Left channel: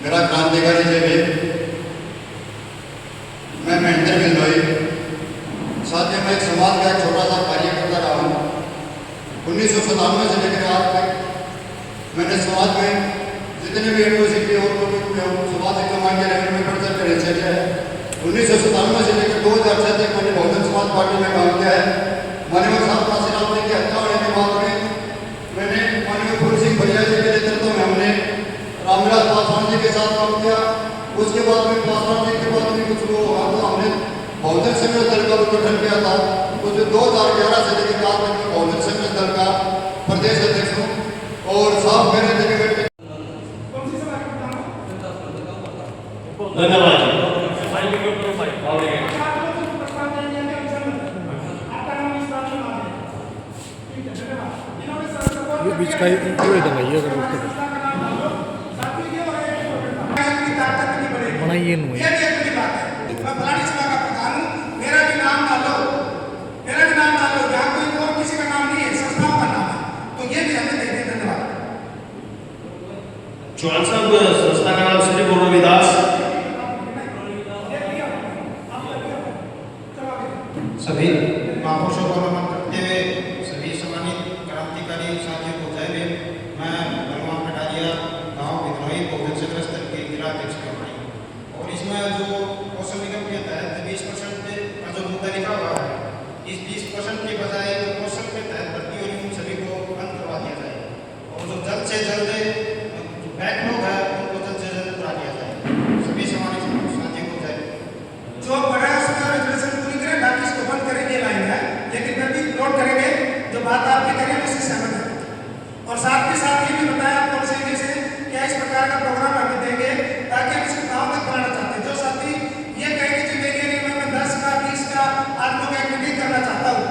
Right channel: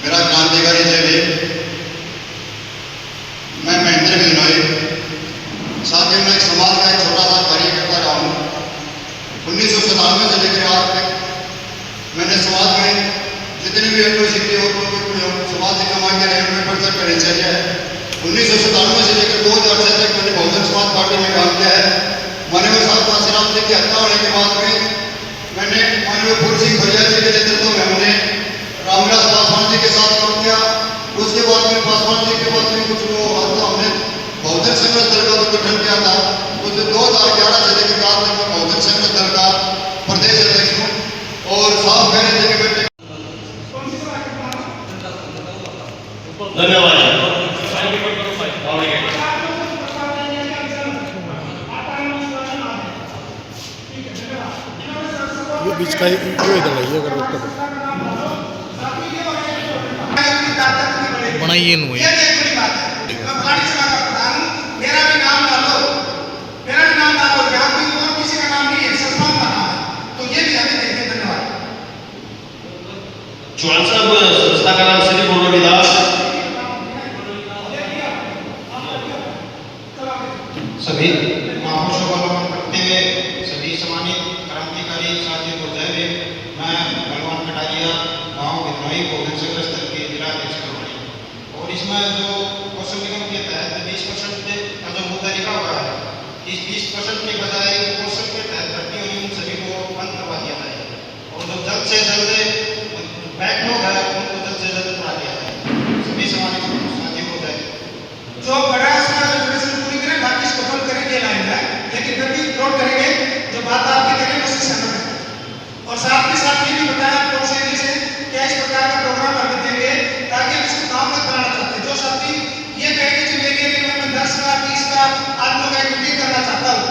मेरा क्रांतिकारी जय भीम। मैं महेंद्र बिजनोई। साथ ही मैं एक समाज का एक छोटा सा कार्यकर्ता रहा हूँ। 1997 से लेकर आज तक मैंने समाज में जितने भी एट्रोसिटी और समाज से कमा के रहे उनमें परिसर का दिनचर्या है। 1997 से लेकर 2006 तक मैंने बहुजन समाज पार्टी में काम किया है। माननीय साहब काशीराम जी की हत्या होने के बाद में मैंने माननीय फूल सिंह भैया जी के नेतृत्व में हमने रामविलास पासवान जी के साथ काम किया। उसके बाद में पासवान जी के बाद में कुछ वो हमने बहुजन संघर्ष दल का भी गठन किया था। तो 2011 से लेकर आज तक मैं बहुजन संघर्ष दल का प्रदेश अध्यक्ष हूँ। और साहब कह रहे थे कि बेटे धन्यवाद। ये बीच का जो इधर है ये अगर उसका बनाइए नु ये भी एक बड़ी बात है। मैं फलानी सभा का प्रधान हूँ, मेरा भी नाम डालो, मेरा भी नाम डालो। यहाँ कोई और किसी का नाम नहीं है, संस्थान का नाम है। तो ये भी हमें देते। धन्यवाद। चौहान साहब, संस्था का नाम श्री गुरु रविदास। सभी महापुरुषों को नमन करते हुए सभी सम्मानित क्रांतिकारी साथियों को जय भीम। मैं भगवान कटारिया गाँव बिजनोई बहुजन संघर्ष दल के जिला अध्यक्ष करवाई। और इसमें जो कौशल निगम के तहत 20% का जो मुद्दा लिखा हुआ है, इस 20% के बजाय कौशल के तहत भर्ती हुई उन सभी को बंद करवा दिया जाए। और जो जल्द से जल्द बैकलॉग है उनको जल्द से जल्द करा दिया जाए। सभी सम्मानित साथियों को जय। जो बड़ा रेजोल्यूशन पूरी करें, बाकी इसको बंद करेंगे लाइन है, लेकिन गति नोट करेंगे। जो बात आपकी करें उससे सहमत है। और साथ के साथ ये भी बताया आप लोग से क्या इस प्रकार का प्रोग्राम हमें देंगे ताकि हम इसको गाँव में बनाना चाहते हैं। जो साथी ये कहेंगे कि मेरे एरिया में 10 का 20 का आप लोग एक्टिविटी करना चाहता हूँ,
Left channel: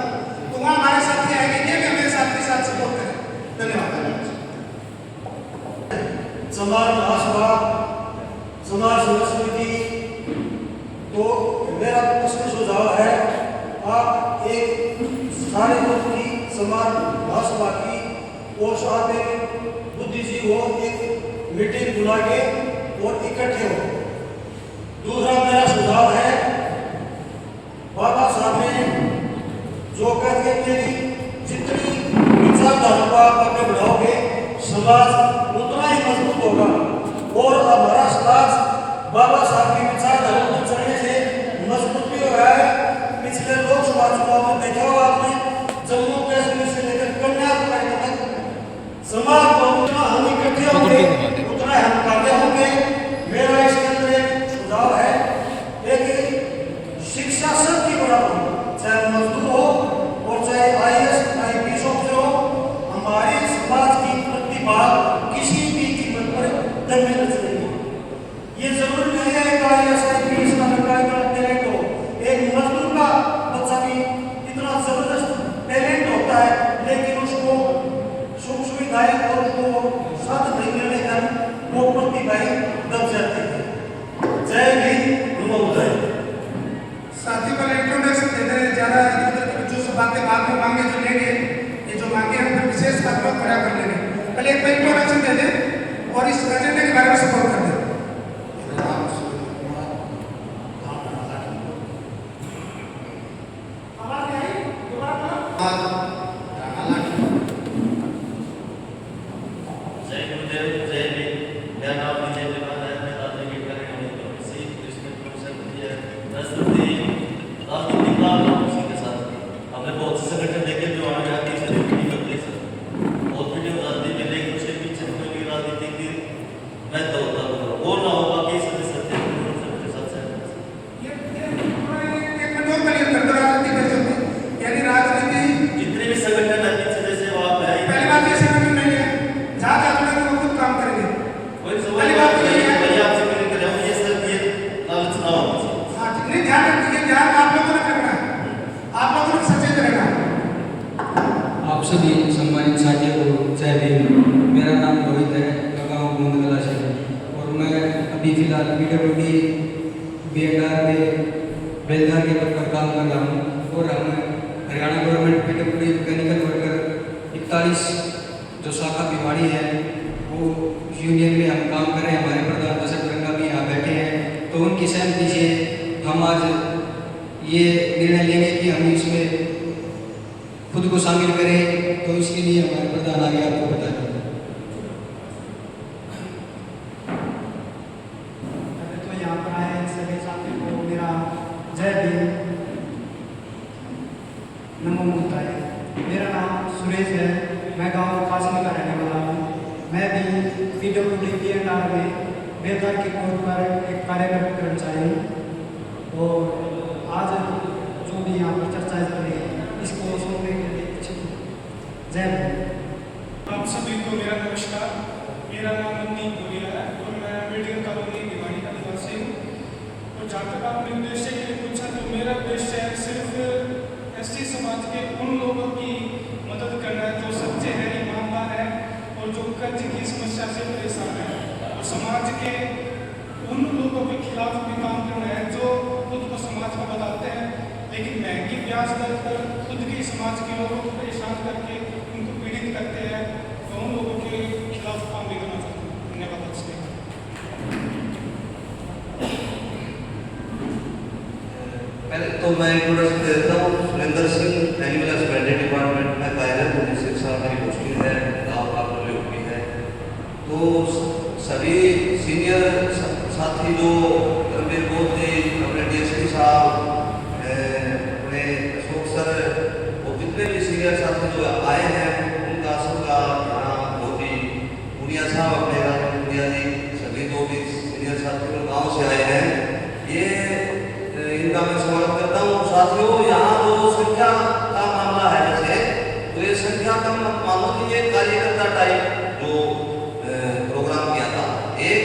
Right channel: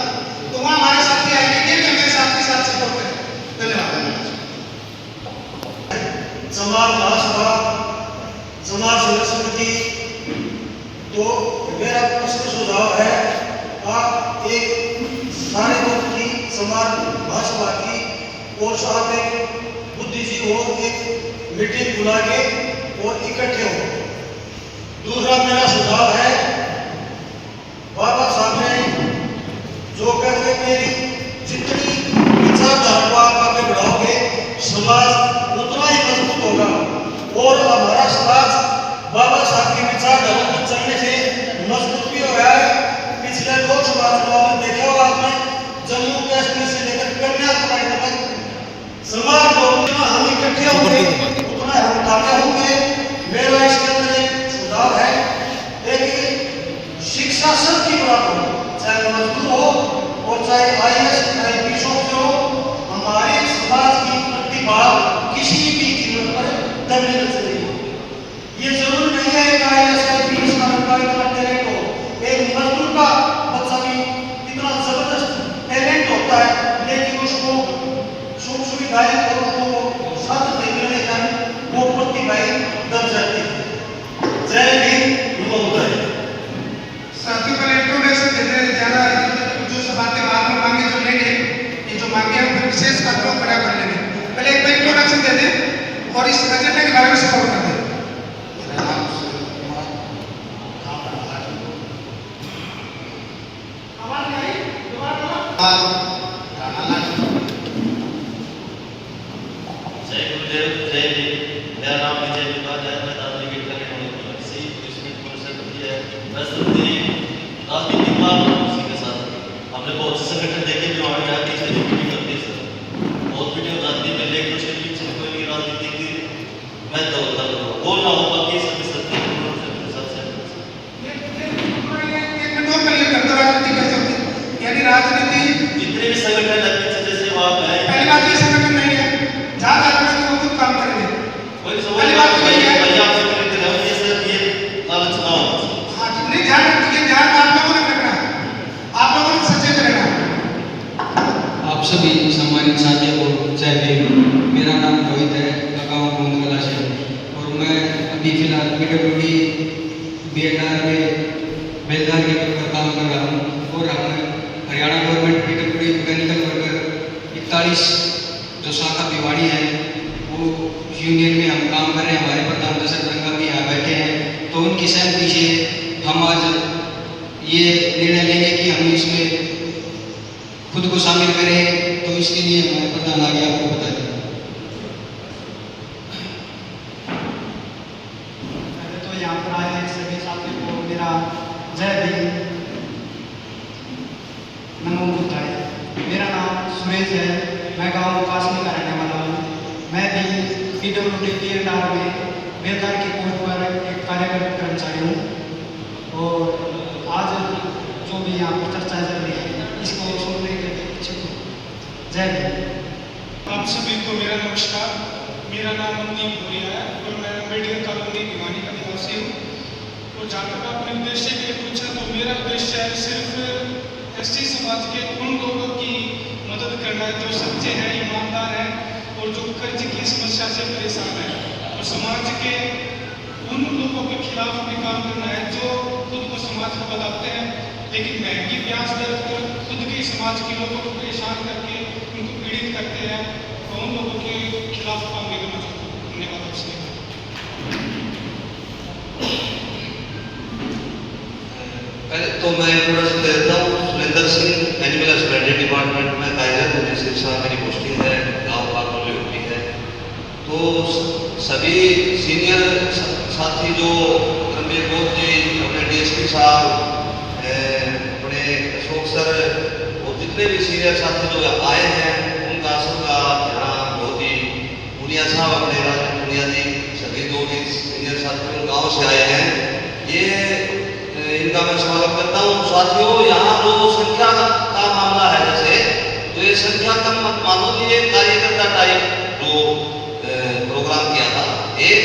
तो वहाँ हमारे साथी आएंगे कि हमें साथ के साथ सपोर्ट करें। धन्यवाद। समाज महासभा, समाज सेवा समिति, तो मेरा प्रश्न सुझाव है, आप एक सारे वर्ग की समाज महासभा की और साथ एक बुद्धिजीवी हो, एक मीटिंग बुला के और इकट्ठे हो। दूसरा मेरा सुझाव है, बाबा साहब ने जो कहते मेरी जितनी विचारधारा को आप आगे बढ़ाओगे समाज उतना ही मजबूत होगा। और हमारा समाज बाबा साहब की विचारधारा पर चलने से मजबूत भी हो रहा है। पिछले लोकसभा चुनाव में देखा होगा आपने, जम्मू कश्मीर से लेकर कन्याकुमारी तक समाज बहुमत हम इकट्ठे होंगे उतना हम कामयाब होंगे। मेरा इसके अंदर एक सुझाव है, एक शिक्षा सबकी बराबर हो, चाहे मजदूर हो और चाहे IAS IPS हो। हमारे समाज की प्रतिभा किसी भी कीमत पर दबनी नहीं चाहिए। ये जरूर नहीं है कि IAS IPS का लड़का इतना टैलेंट हो। एक मजदूर का बच्चा भी इतना जबरदस्त टैलेंट होता है, लेकिन उसको सुख सुविधाएं और उसको साथ नहीं मिलने का वो प्रतिभाएं दब जाती है। जय भीम, जय। साथी पर इंट्रोडक्शन देते हैं, ज़्यादा जो बातें बाद में मांगे जो लेंगे, ये जो मांगे हैं वो विशेष बातों पर खड़ा कर लेंगे। पहले एक बार इंट्रोडक्शन दे दें और इस एजेंडे के बारे में सपोर्ट कर दें। जय गुरुदेव, जय भीम। मेरा नाम विजय विकास है। मैं दादरी गिरता के होने की वजह से इसमें कौशल की है। राजनीतिक बात उसी के साथ हमने बहुत से संगठन देखे जो आगे आके इससे मीटिंग करते हैं। सर बहुत वीडियो राजनीति में लेकिन उसके पीछे कोई राजनीति की महत्व होता है वो ना हो। बाकी सभी सत्य के साथ यानी राजनीति जितने भी संगठन है पीछे जैसे वहाँ पे पहली बात ये संगठन नहीं है, जहाँ जाकर वो खुद काम करेंगे। कोई पहली बात तो यही है। भैया आपसे मिलकर रहो ये सर ये लालच ना हो। हाँ, जितने ध्यान रखिए, ध्यान आप लोगों ने रखना है, आप लोगों को सचेत रहना है। आप सभी सम्मानित साथियों को जय भीम। मेरा नाम रोहित है, लगावा गोंदगला से और मैं अभी फिलहाल PWD BNR के बेलदार के पद पर काम कर रहा हूँ। और हम Haryana government PWD mechanical worker 41 जो शाखा भिवाड़ी है वो यूनियन में हम काम कर रहे हैं। हमारे प्रधान की सहमति से हम आज ये निर्णय लेंगे कि हम इसमें खुद को शामिल करें। तो इसके लिए हमारे प्रधान आगे आपको बता दें। तो यहाँ पर आए सभी साथियों को मेरा जय भीम, नमो बुद्धाय। मेरा नाम सुरेश है, मैं गांव कासनी का रहने वाला हूँ। मैं भी PWD PNR में बेलदार की पोस्ट पर एक कार्यरत कर्मचारी हूँ और आज जो भी यहाँ पर चर्चा चल रही है इसको सुनने के लिए इच्छुक हूँ। जय भीम। आप सभी को मेरा नमस्कार। मेरा नाम मनदीप भूरिया है और मैं मेडिकल कॉलोनी भिवानी का निवासी हूँ। और जहाँ तक आपने उद्देश्य के लिए पूछा तो मेरा उद्देश्य है सिर्फ SC समाज के उन लोगों की मदद करना है जो सच्चे हैं, ईमानदार हैं और जो कर्ज की समस्या से परेशान है, और समाज के उन लोगों के खिलाफ भी काम करना है जो खुद को समाज को बताते हैं लेकिन महंगी ब्याज दर पर खुद के समाज के लोगों को परेशान करके उनको पीड़ित करते हैं। तो उन लोगों के खिलाफ काम भी करना चाहता हूँ। धन्यवाद आपसे। पहले तो मैं इंट्रोडक्शन दे देता हूँ। Surendra Singh, animal husbandry department में कार्यरत हूँ, जिसके साथ मेरी पोस्टिंग है, गाँव काकोले होती है। तो सभी सीनियर साथी जो रणबीर बोध जी, अपने DSP साहब, अपने अशोक सर और जितने भी सीनियर साथी जो आए हैं उनका सबका यहाँ बहुत ही मुनिया साहब, अपने राजन मुनिया जी, सभी जो भी सीनियर साथी गाँव से आए हैं, ये इनका मैं स्वागत करता हूँ। साथियों, यहाँ जो संख्या का मामला है जैसे, तो ये संख्या कम मत मानो कि ये कार्यकर्ता टाइप जो प्रोग्राम किया था, एक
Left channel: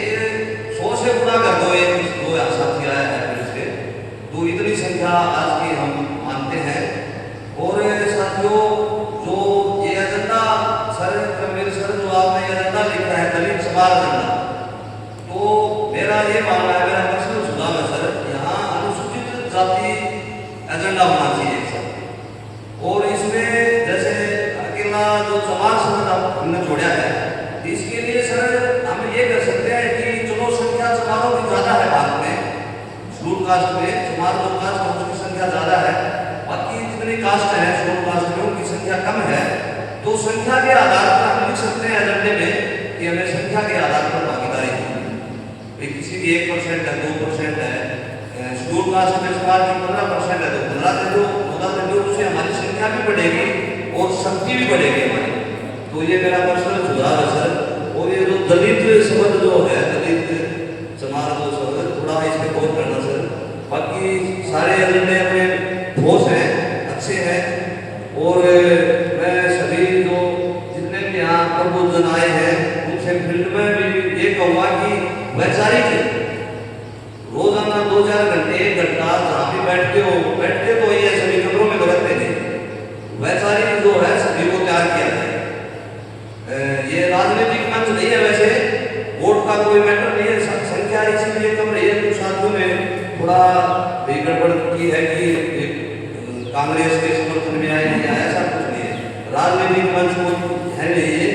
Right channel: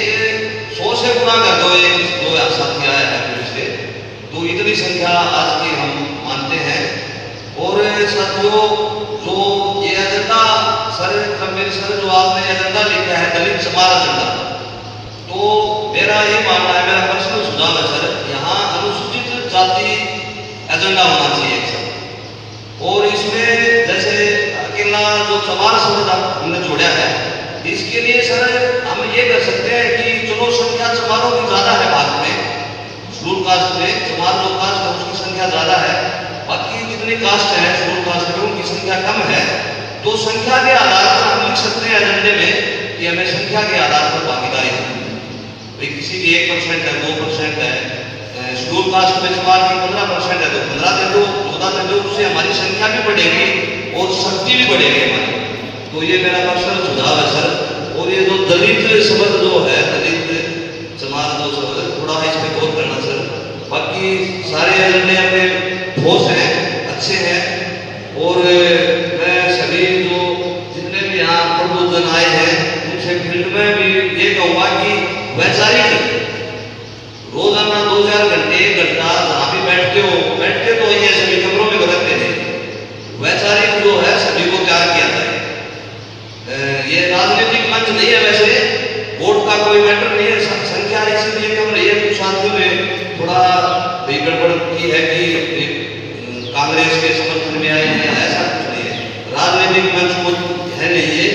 100 से गुना कर दो, एक दो साथी आए हैं फिर से, तो इतनी संख्या आज की हम मानते हैं। और साथियों, जो ये एजेंडा सर रणबीर सर जो आपने एजेंडा लिखा है दलित समाज एजेंडा, तो मेरा ये मानना है, मेरा पर्सनल सुझाव है सर, यहाँ अनुसूचित जाति एजेंडा होना चाहिए एक साथ। और इसमें जैसे अकेला जो समाज शब्द हमने जोड़ा है, इसके लिए सर हम ये कर सकते हैं कि चलो संख्या समारों की ज़्यादा है, भारत में शेड्यूल कास्ट में समाज जो कास्ट है उसकी संख्या ज़्यादा है, बाकी जितनी कास्ट है शेड्यूल कास्ट में उनकी संख्या कम है। तो संख्या के आधार पर हम लिख सकते हैं एजेंडे में कि हमें संख्या के आधार पर भागीदारी है। भाई किसी की 1% है, 2% है, शेड्यूल कास्ट में समाज की 15% है तो 15 दे दो, 14 दे दो, उससे हमारी संख्या भी बढ़ेगी और शक्ति भी बढ़ेगी हमारी। तो ये मेरा पर्सनल सुझाव है सर। और ये जो दलित शब्द जो है, दलित समाज जो शब्द, थोड़ा इस पर गौर करना सर। बाकी सारे एजेंडे अपने ठोस हैं, अच्छे हैं। और मैं सभी जो जितने भी यहाँ प्रबुद्धजन आए हैं उनसे फील्ड में भी ये कहूँगा कि वैचारिक रोजाना 2-4 घंटे, 1 घंटा जहाँ भी बैठते तो ये सभी कमरों में रखते थे, वैचारिक जो है सभी को तैयार किया जाए। ये राजनीतिक मंच नहीं है, वैसे वोट का कोई मैटर नहीं है, संख्या इसीलिए कम रही है कि साथियों ने थोड़ा गड़बड़ की है कि कांग्रेस के समर्थन में आए हैं, ऐसा कुछ नहीं है। राजनीतिक मंच को है नहीं है,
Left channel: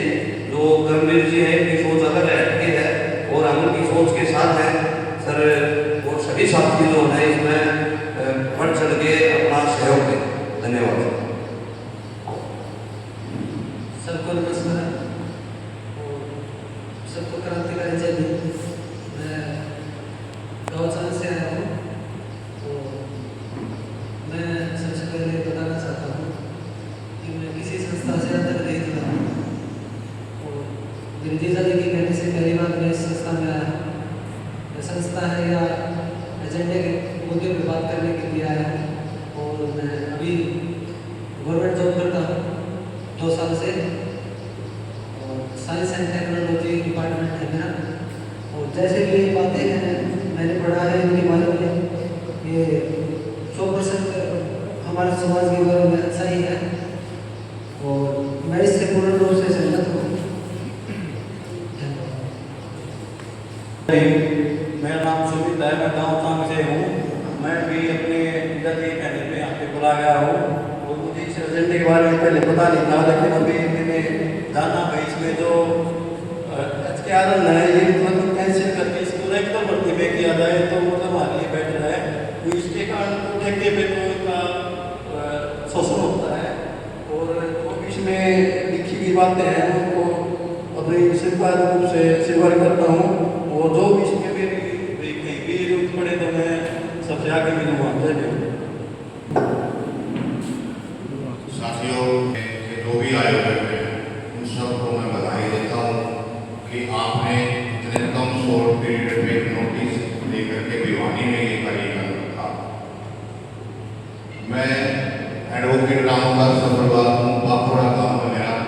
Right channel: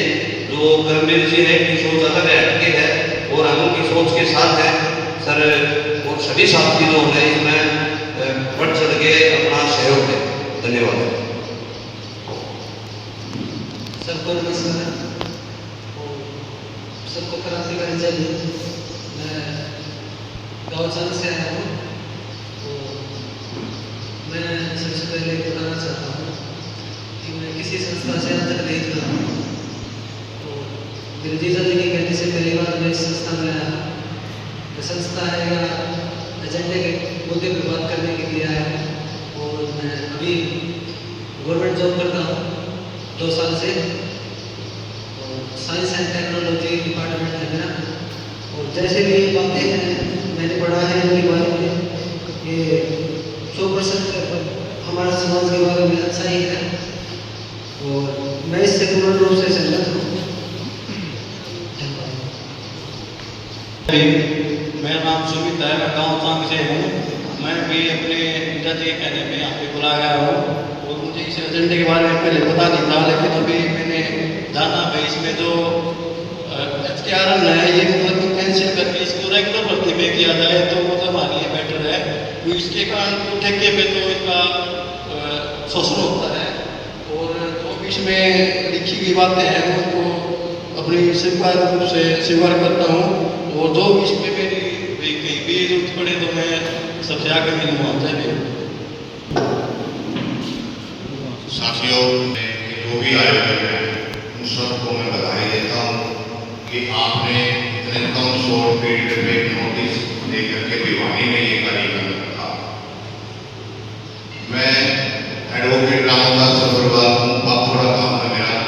जो धर्मवीर जी है की सोच अलग है, हटके है, और हम उनकी सोच के साथ हैं सर। और सभी साथी जो है इसमें बढ़ चढ़ के अपना सहयोग दें। धन्यवाद। सबको नमस्कार, सबको क्रांतिकारी जय भीम। मैं गौचंद से आया हूँ। तो मैं सबसे पहले बताना चाहता हूँ कि मैं किसी संस्था से अब तक नहीं जुड़ा हूँ। तो मेरे जीजा जी के कहने से पहली बार मैं इस संस्था में आया हूँ। संस्था है या एजेंडे के मुद्दे पर बात करने के लिए आया हूँ। और मैं अभी गवर्नमेंट जॉब करता हूँ 2 साल से, और साइंस एंड टेक्नोलॉजी डिपार्टमेंट है मेरा। और जैसे भी ये बातें हैं मैंने पढ़ा है इनके बारे में, ये 100% हमारे समाज के बारे में अच्छा ही है और मैं इससे पूर्ण रूप से सहमत हूँ। मेरा नाम सुमित है, मैं गाँव चांग से हूँ। मैं भी अपने पिताजी कहने पे यहाँ पे बुला गया हूँ और मुझे इस एजेंडे के बारे में पहले पता नहीं था, लेकिन अभी मैंने जाना भाई इसमें जो HKRN है ये मतलब कैंसिल करके इसको रेगुलर भर्ती में किया जाए तो मतलब हमारे लिए तो इसके कारण तो ठेके पे तो इनका शोषण होता है, और जो भी इसमें लिखी गई बातें हैं उनको अपनी स्वीकार रूप से स्वीकार करता हूँ, और जो भी इसमें मेरी कहीं भी जरूरत पड़े तो मैं सबसे आगे मिलूँगा। जय भीम। साथियों, जो भी आयोजक हैं उन सबको मैं बधाई देता हूँ कि आपने इतने कम शॉर्ट पीरियड में एक नोटिस देकर के भिवानी में ये कार्यक्रम रखा। मैं एडवोकेट रामदास अग्रवाल हूँ, बागोड़ा गाँव में मेरा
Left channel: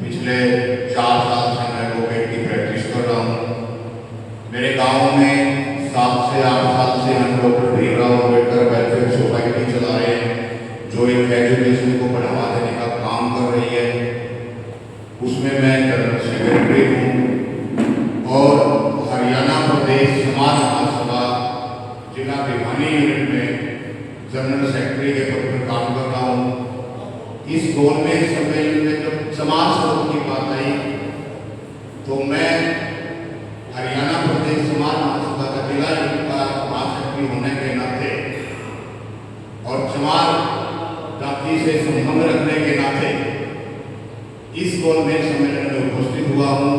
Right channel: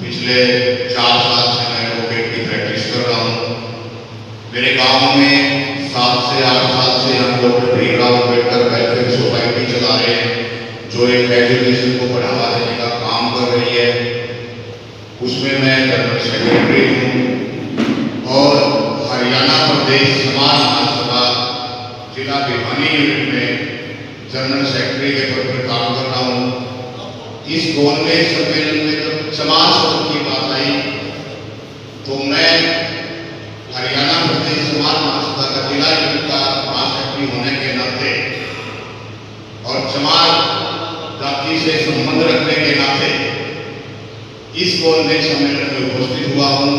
पिछले 4 साल से मैं एडवोकेट की प्रैक्टिस कर रहा हूँ। मेरे गांव में 7 से 8 साल से हम doctor Bhimrao Ambedkar welfare society चला रहे हैं, जो एक एजुकेशन को बढ़ावा देने का काम कर रही है। उसमें मैं जनरल सेक्रेटरी हूँ और हरियाणा प्रदेश समाज महासभा जिला भिवानी यूनिट में जनरल सेक्रेटरी के पद पर काम कर रहा हूँ। इस गोलमेज सम्मेलन में जब समाज सुधार की बात आई तो मैं हरियाणा प्रदेश समाज महासभा का जिला यूनिट का महासचिव होने के नाते और समाज जाति से संबंध रखने के नाते इस गोलमेज सम्मेलन में उपस्थित हुआ हूँ।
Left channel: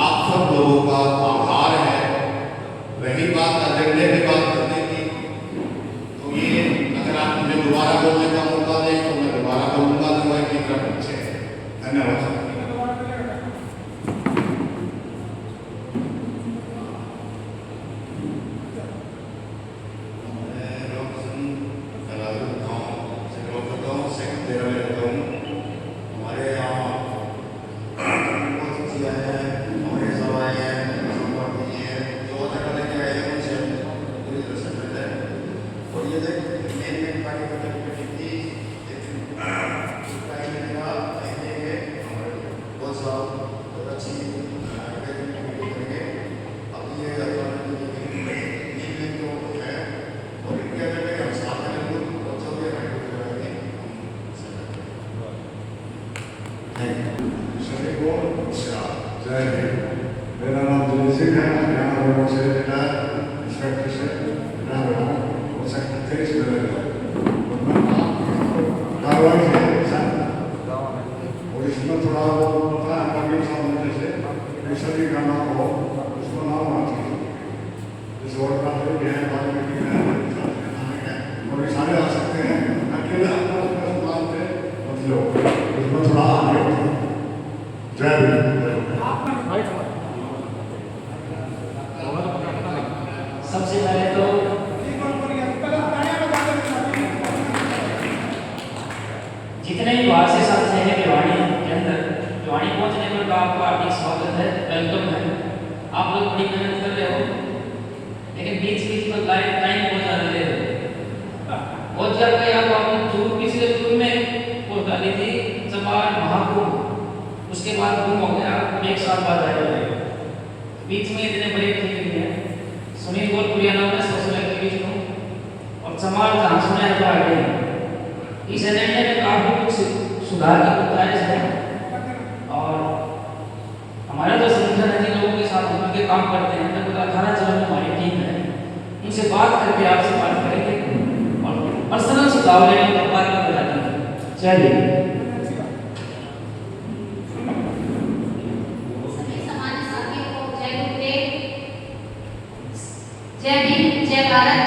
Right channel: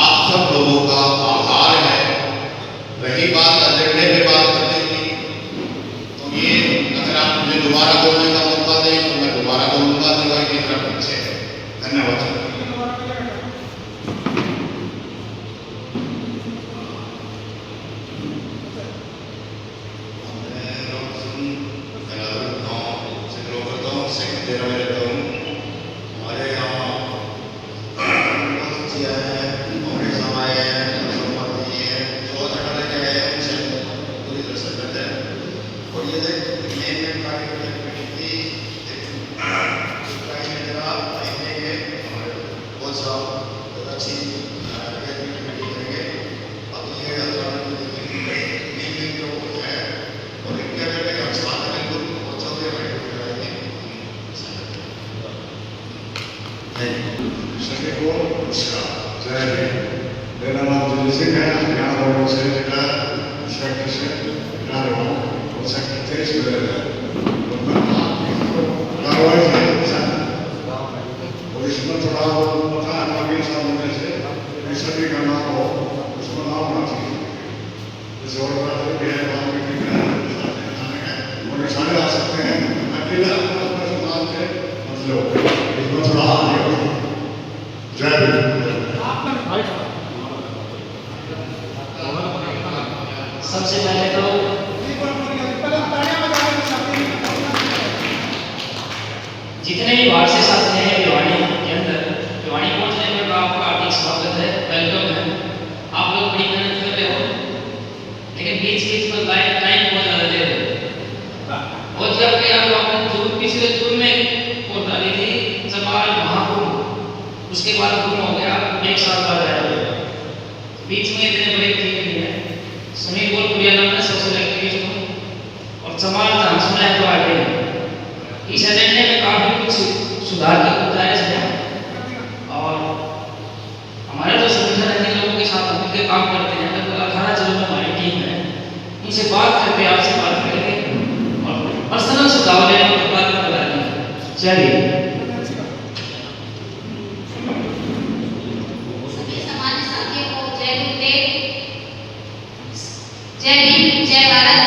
आप सब लोगों का आभार है। रही बात एजेंडे पे बात करने की, तो ये अगर आप मुझे दोबारा बोलने का मौका दें तो मैं दोबारा बोलूँगा, जो है कि पीछे। धन्यवाद। मेरा नाम जय सिंह है, हरियाणा बोर्ड से जिला इंस्पेक्टर से बना रहा हूँ और सेक्रेटरी से बना रहा कार्रवाई और इसमें थोड़ा पता है काफी सालों से सभी का नाम हो, उसको नाम होना चाहिए। जैसे और भी है, और सारे आ सकते हैं, अकेला नाम के मतलब इसमें थोड़ा आगे। जय भीम। सबसे पहले तो जितने भी वार्ड से साथी हैं भिवानी के अंदर, भिवानी पहुंचने में आपका हार्दिक स्वागत है, वेलकम है। आप लोग बड़ी मेहनत कर रहे हो, लेकिन बीच बीच में टाइम बहुत ज़्यादा दे रहे हो। बहुत जगह आपको आपने जून पिछले जून में वोट डाली थी समाज महाकुंभ, उसके बाद गुम हो गया, 1 साल बाद आया। बीच में इतने बड़े ठीक नहीं है। सुनील गोलपुरिया नाम है, सोशल एक्टिविस्ट हूँ और समाज जहाँ सुना है तो आगे है। इस एजेंडे में काफी कुछ सुधार की गुंजाइश है और हमारे जो संगठन है जिन लोगों के साथ मिलकर काम करते हैं, लगभग 18 जिलों में हमारी टीम है, उनसे बात करके आपसे बात करेंगे और पर्सनल सुझाव लेने के बाद में बताएंगे। चलिए। जय भीम, जय भारत।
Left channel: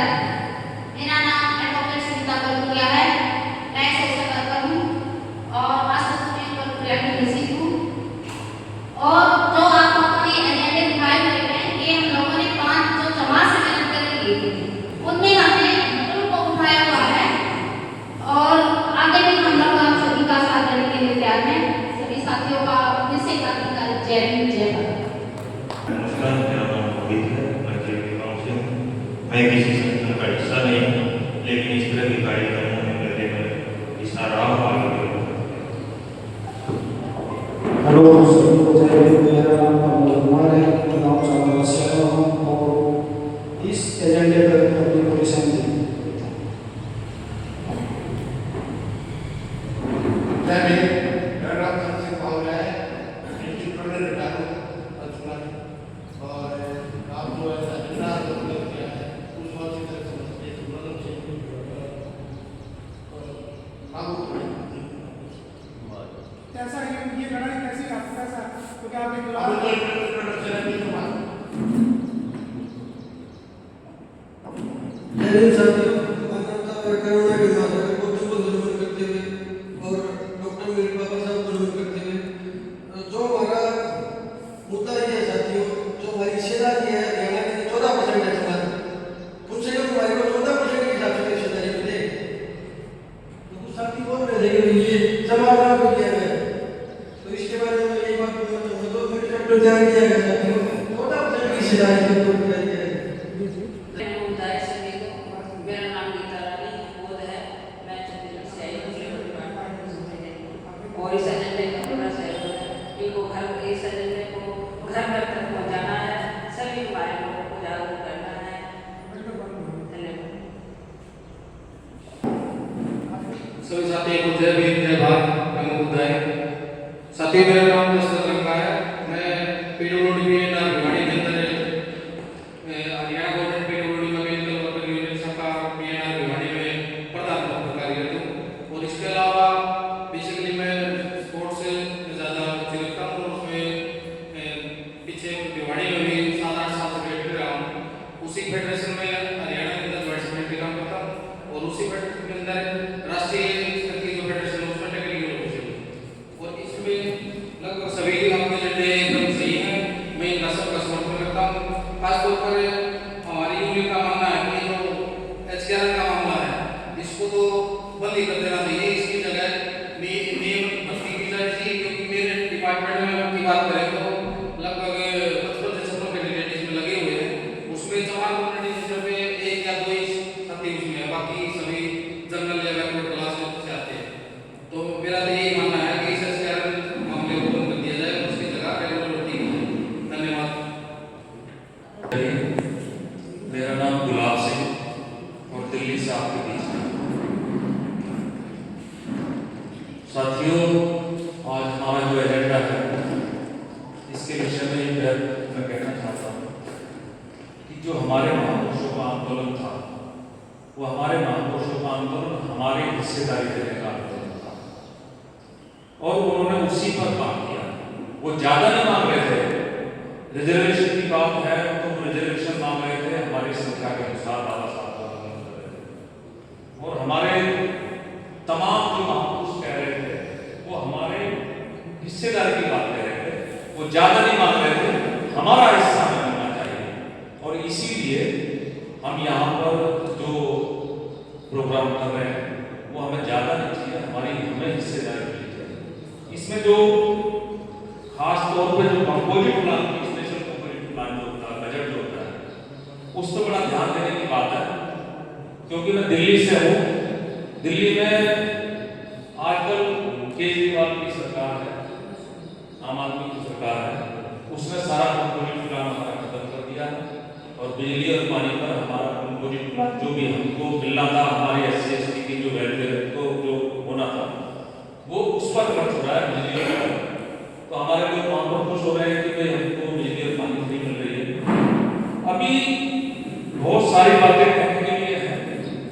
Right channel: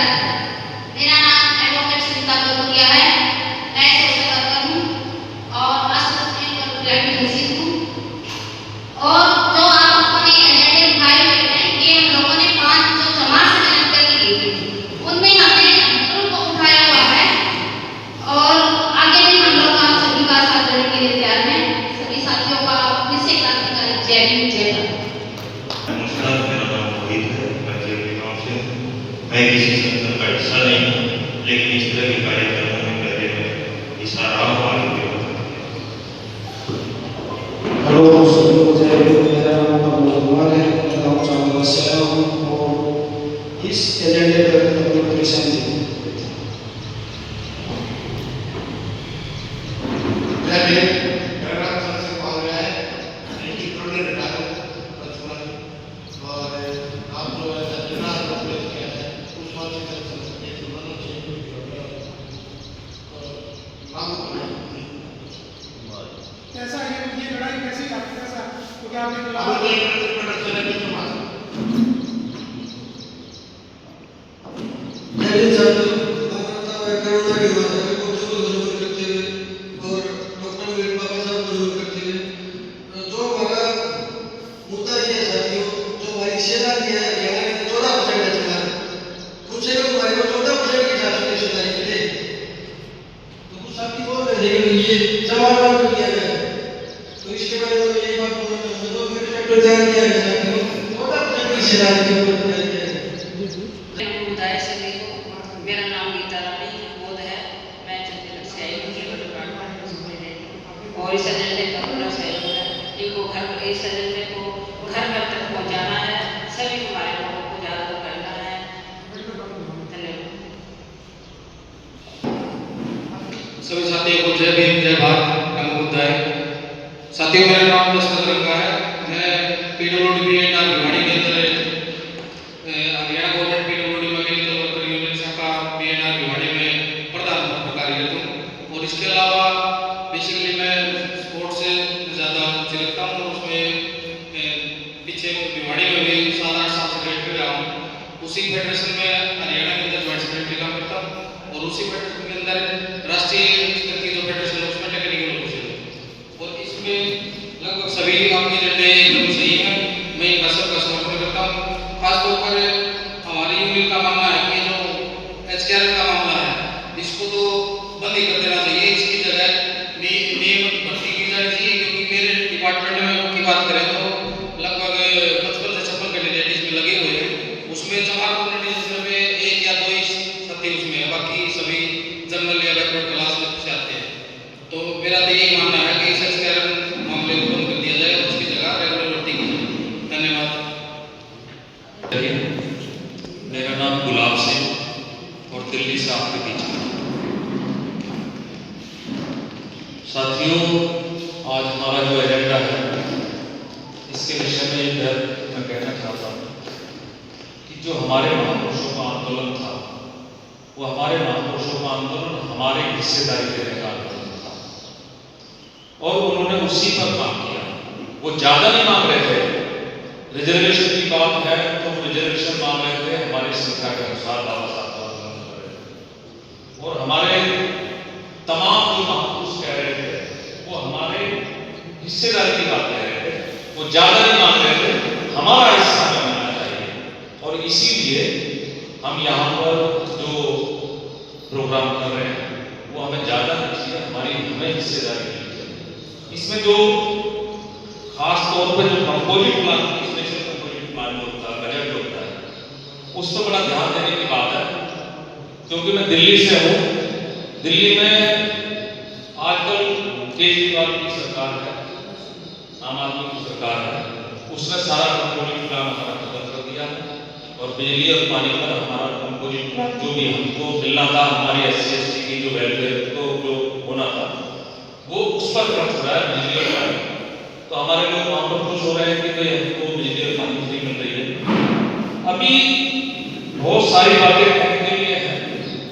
मेरा नाम एडवोकेट सुनीता गोलपुरिया है। मैं सोशल वर्कर हूँ और एडवोकेट हूँ। और जो आप अपने एजेंडे उठाए हुए हैं, ये हम लोगों ने 5 जो समाज से मेहनत करके ली थी, उनमें हमने उनको उठाया हुआ है और आगे भी हम लोग आप सभी का साथ देने के लिए तैयार हैं। सभी साथियों का फिर से क्रांतिकारी जय भीम, जय भारत। नमस्कार, मेरा नाम रोहित है, मैं जेपी गाँव से हूँ। मैं किसी संगठन का हिस्सा नहीं हूँ, लेकिन इस तरह के कार्यक्रमों में करने में हिस्सा रहा हूँ, आगे भी रहूँगा। हेलो, मेरा नाम अमोल कुमार है, गाँव चावल से आया हूँ और इस एजेंडे पर अपनी परेशानी थी। और आप जो है विधायक सभी को, मेरा नाम गीता रानी बोध है, मैं छत्तीसगढ़ से आई हूँ और इस एजेंडे का पूरा सहयोग है। इनको इस एजेंडे को घर घर तक पहुँचाना है, सभी हमारे लोगों को जागरूक करना है। धन्यवाद। सभी साथियों को जय भीम, जय भारत, नमो बुद्धाय। साथियों, मेरा नाम दशरथ रंगा है। मैं पीडब्ल्यूडी भिवाड़ी के अंदर हरियाणा गवर्नमेंट पीडब्ल्यूडी वाली यूनिट शाखा बीएनआर भिवाड़ी में प्रधान कार्यरत हूँ। और इसके अलावा बेसिकली मैं स्पोर्ट्स से ज़्यादा रुचि रखता हूँ। उसमें पीछे भिवाड़ी में भी 7-8 साल से फेडरेटर रहा हूँ। उसी फेडरेशन में हरियाणा के अंदर वाइस सेक्रेटरी काम करता हूँ और उसी फेडरेशन के अंदर राष्ट्रीय स्तर की जो फेडरेशन है उसमें टेक्निकल ऑफिसर। और इसमें लगभग सभी आपके एजेंडे एकदम सही है। मैं इनका सबका समर्थन करता हूँ। खासतौर पर हमारी यूनियन का मानना है कि जो एचकेआरएम का मामला है इसको तो बंद ही कर देना चाहिए। इसकी जगह नियमित भर्ती की जानी चाहिए, क्योंकि मेरे डिपार्टमेंट में की बात करें तो लगभग 55 से 56 कैंडिडेट इसमें लगे हुए हैं। उसमें 4 कैंडिडेट में 1 या 2 ही सत्य उसमें है, बाकी सभी जनरल या बैकवर्ड क्लास में से आते हैं। तो मेरा तो यही मानना है कि इस एचकेआरएम मामले को बंद कर दिया जाए और उसकी जगह रेगुलर भर्ती की जाए। धन्यवाद। मेरा नाम गुलाब सिंह और दिल्ली से आपके बीच में। साथियों, आज हमारा जो एजेंडा है इसके विषय में मैं कहना चाहता हूँ कि जो हमारे महापुरुषों का आंदोलन था वो हमारे महापुरुषों का आंदोलन हमारे हिस्सेदारी देने का आंदोलन था और उन्होंने उसी पर काम किया। वो ज़्यादा नहीं मांग रहे थे। रिजर्वेशन की बात है तो वो रिजर्वेशन मांग रहे थे हमारी संख्या के अनुसार बाबा साहब का आंदोलन कर रहे थे। और हमारे तमाम जो महापुरुष कह रहे थे वो हमारे हिस्सेदारी की बात कह रहे थे। वो ज़्यादा नहीं मांग रहे थे, हमारा हिस्सा हमें मिलना चाहिए। और इसीलिए हम यहाँ पर जो प्रोग्राम कर रहे हैं वो हमें ज़्यादा नहीं चाहिए, हमें हिस्सेदारी मिलनी चाहिए। इसमें जो खास तौर पर जो composite plan, special composite plan होता है, बजट होता है, उस पर बड़ा ध्यान देने की बात है। क्योंकि मैं दिल्ली से हूँ। दिल्ली में आजकल केजरीवाल की सरकार है, आम आदमी की सरकार है, उसने सारा कंपोजिट प्लान हमारा खत्म कर दिया है और बिजली और पानी पर हमारा कंपोजिट प्लान जो भी हमको मिलना था, हमारी SC/ST की जो वेलफेयर को जो होना था वो उस पर खर्च हो रहा है, बिजली और पानी। तो हमारे लोग वहाँ पर खुश हो रहे हैं कि भाई हमको बिजली और पानी फ्री मिल रही है। अभी बहुत सारी बातें कहने के लिए हैं,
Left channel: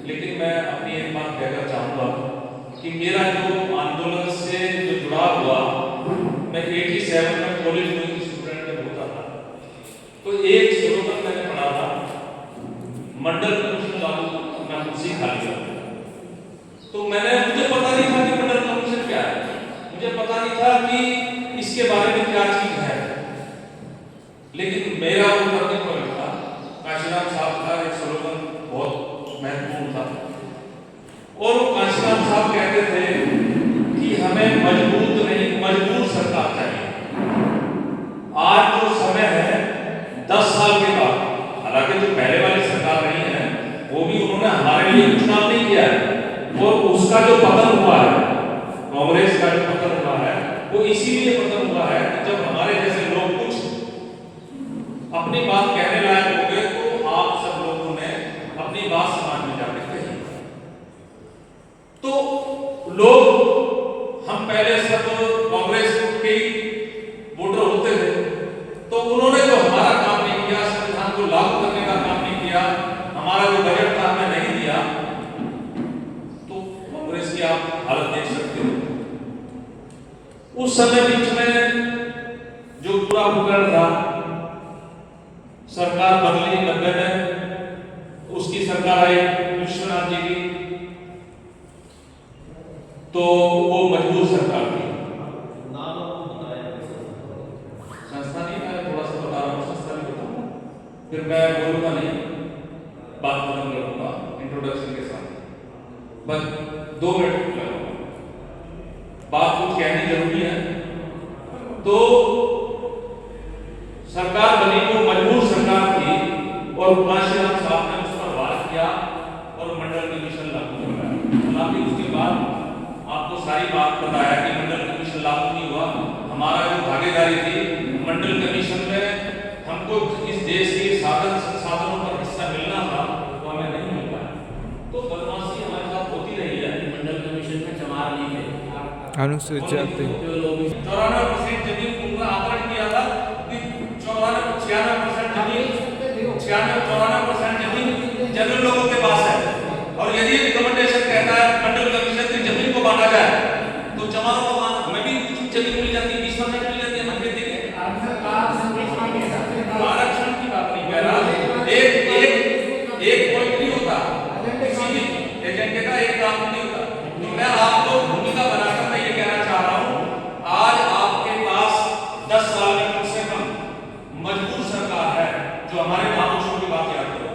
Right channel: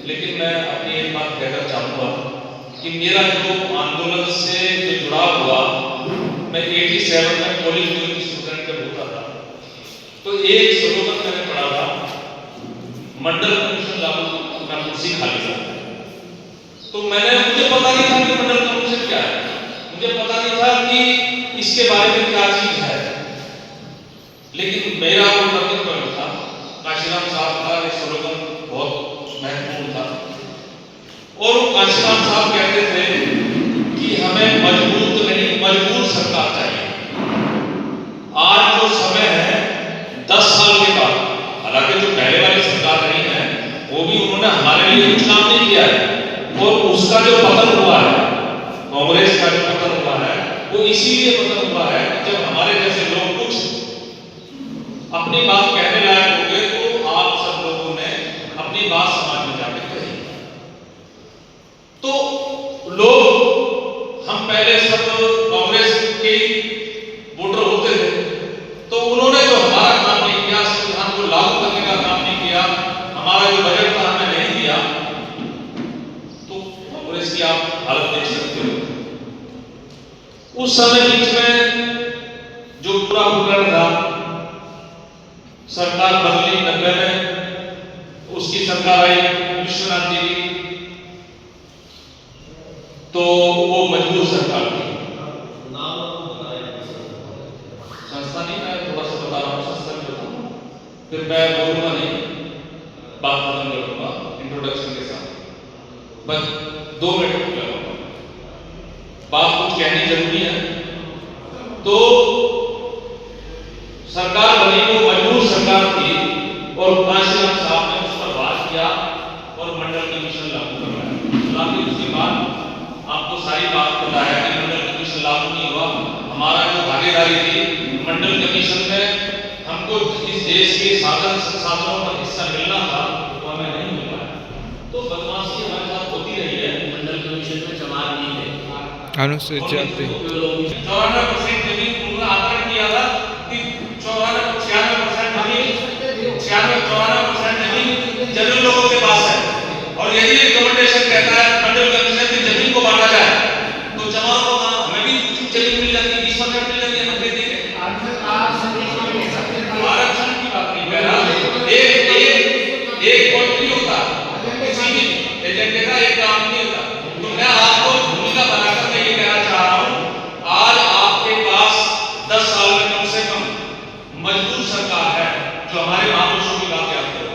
लेकिन मैं अपनी एक बात कहना चाहूँगा कि मेरा जो आंदोलन से जो जुड़ाव हुआ, मैं 87 में कॉलेज गोइंग स्टूडेंट जब होता था तो एक स्लोगन मैंने पढ़ा था, मंडल कमीशन लागू करना कुर्सी खाली कर। तो मुझे पता नहीं था कि मंडल कमीशन क्या है, मुझे पता नहीं था कि इसके बारे में क्या चीज है। लेकिन मेरा वो टर्निंग पॉइंट था, काशीराम साहब का एक स्लोगन बहुत महत्वपूर्ण था और काशीराम साहब कहते थे कि हमें मजबूत नहीं मजबूत सरकार चाहिए। आज जो समय है 10 साल के बाद, हालांकि जो पहले वाली सरकार रही है वो भी उन्होंने हमारे लिए कुछ काम नहीं किया है और उसका जो पतन हुआ है, कांग्रेस का जो पतन हुआ है वो इसीलिए पतन हुआ है कि जब हमारे जैसे लोग कुछ अपनी बात कहने लायक हो गए तो आप सब लोगों ने अपनी बात समाज में जाके कही। तो लोग हम पहले सब कांग्रेस के वोटर होते थे तो उन्होंने जो हमारा काम नहीं किया, संविधान को लागू करने का काम नहीं किया, हमारा जो बजट था हमें नहीं दिया, तो कांग्रेस की आप हालत देख सकते हो। उस समय बीच में जो पूरा भूगोल था, सरकार बदली 90 में, उसकी सरकार आई विश्वनाथ जी की, तो वो मजबूत सरकार थी। संस्था नहीं, मैं थोड़ा सा बता रहा हूँ, संस्था में बताऊँ, फिर मैं बोलूँगा नहीं, बात खत्म करूँगा इंट्रोडक्शन के साथ, बस 2 मिनट लगूंगा, बात कुछ कहनी जरूरी है। तो सरकार बनी वो मजबूत सरकार थी और कांशीराम साहब ने उस पर वार किया और मंडल कमीशन लागू करवाया। हालांकि उसके बाद आपको सारी बात पता है कि मंडल कमीशन लागू नहीं हुआ। हमारा जो भागीदारी थी मंडल कमीशन में, हमको इस देश के साधन संसाधनों पर हिस्सा मिलना था तो हमें नहीं मिल पाया। तो बदमाशी हमारे साथ होती रही है। मंडल कमीशन में चमार नहीं थे, अनुसूचित जाति 94% जमीन उन्होंने आकलन किया था कि 96% जमीन जनरल लोगों के पास है। और यदि रिकमेंडेशन कहता है मंडल कमीशन की जमीन को बांटा जाए तो चमारों को हमें भी कुछ जमीन मिल जाती है, 20% मिल जाती है। हम कहते हैं आरक्षण की बात नहीं कर रहा, एक पॉइंट नहीं होता, किसी भी एजेंडे का एक काम नहीं होता। तो मैं आपको भूमिका बनाकर मैं ये कहना चाह रहा हूँ, आज आपके पास 10 साल में कम से कम मजबूर सरकार है जो हमारे महापुरुषों की बात याद करो।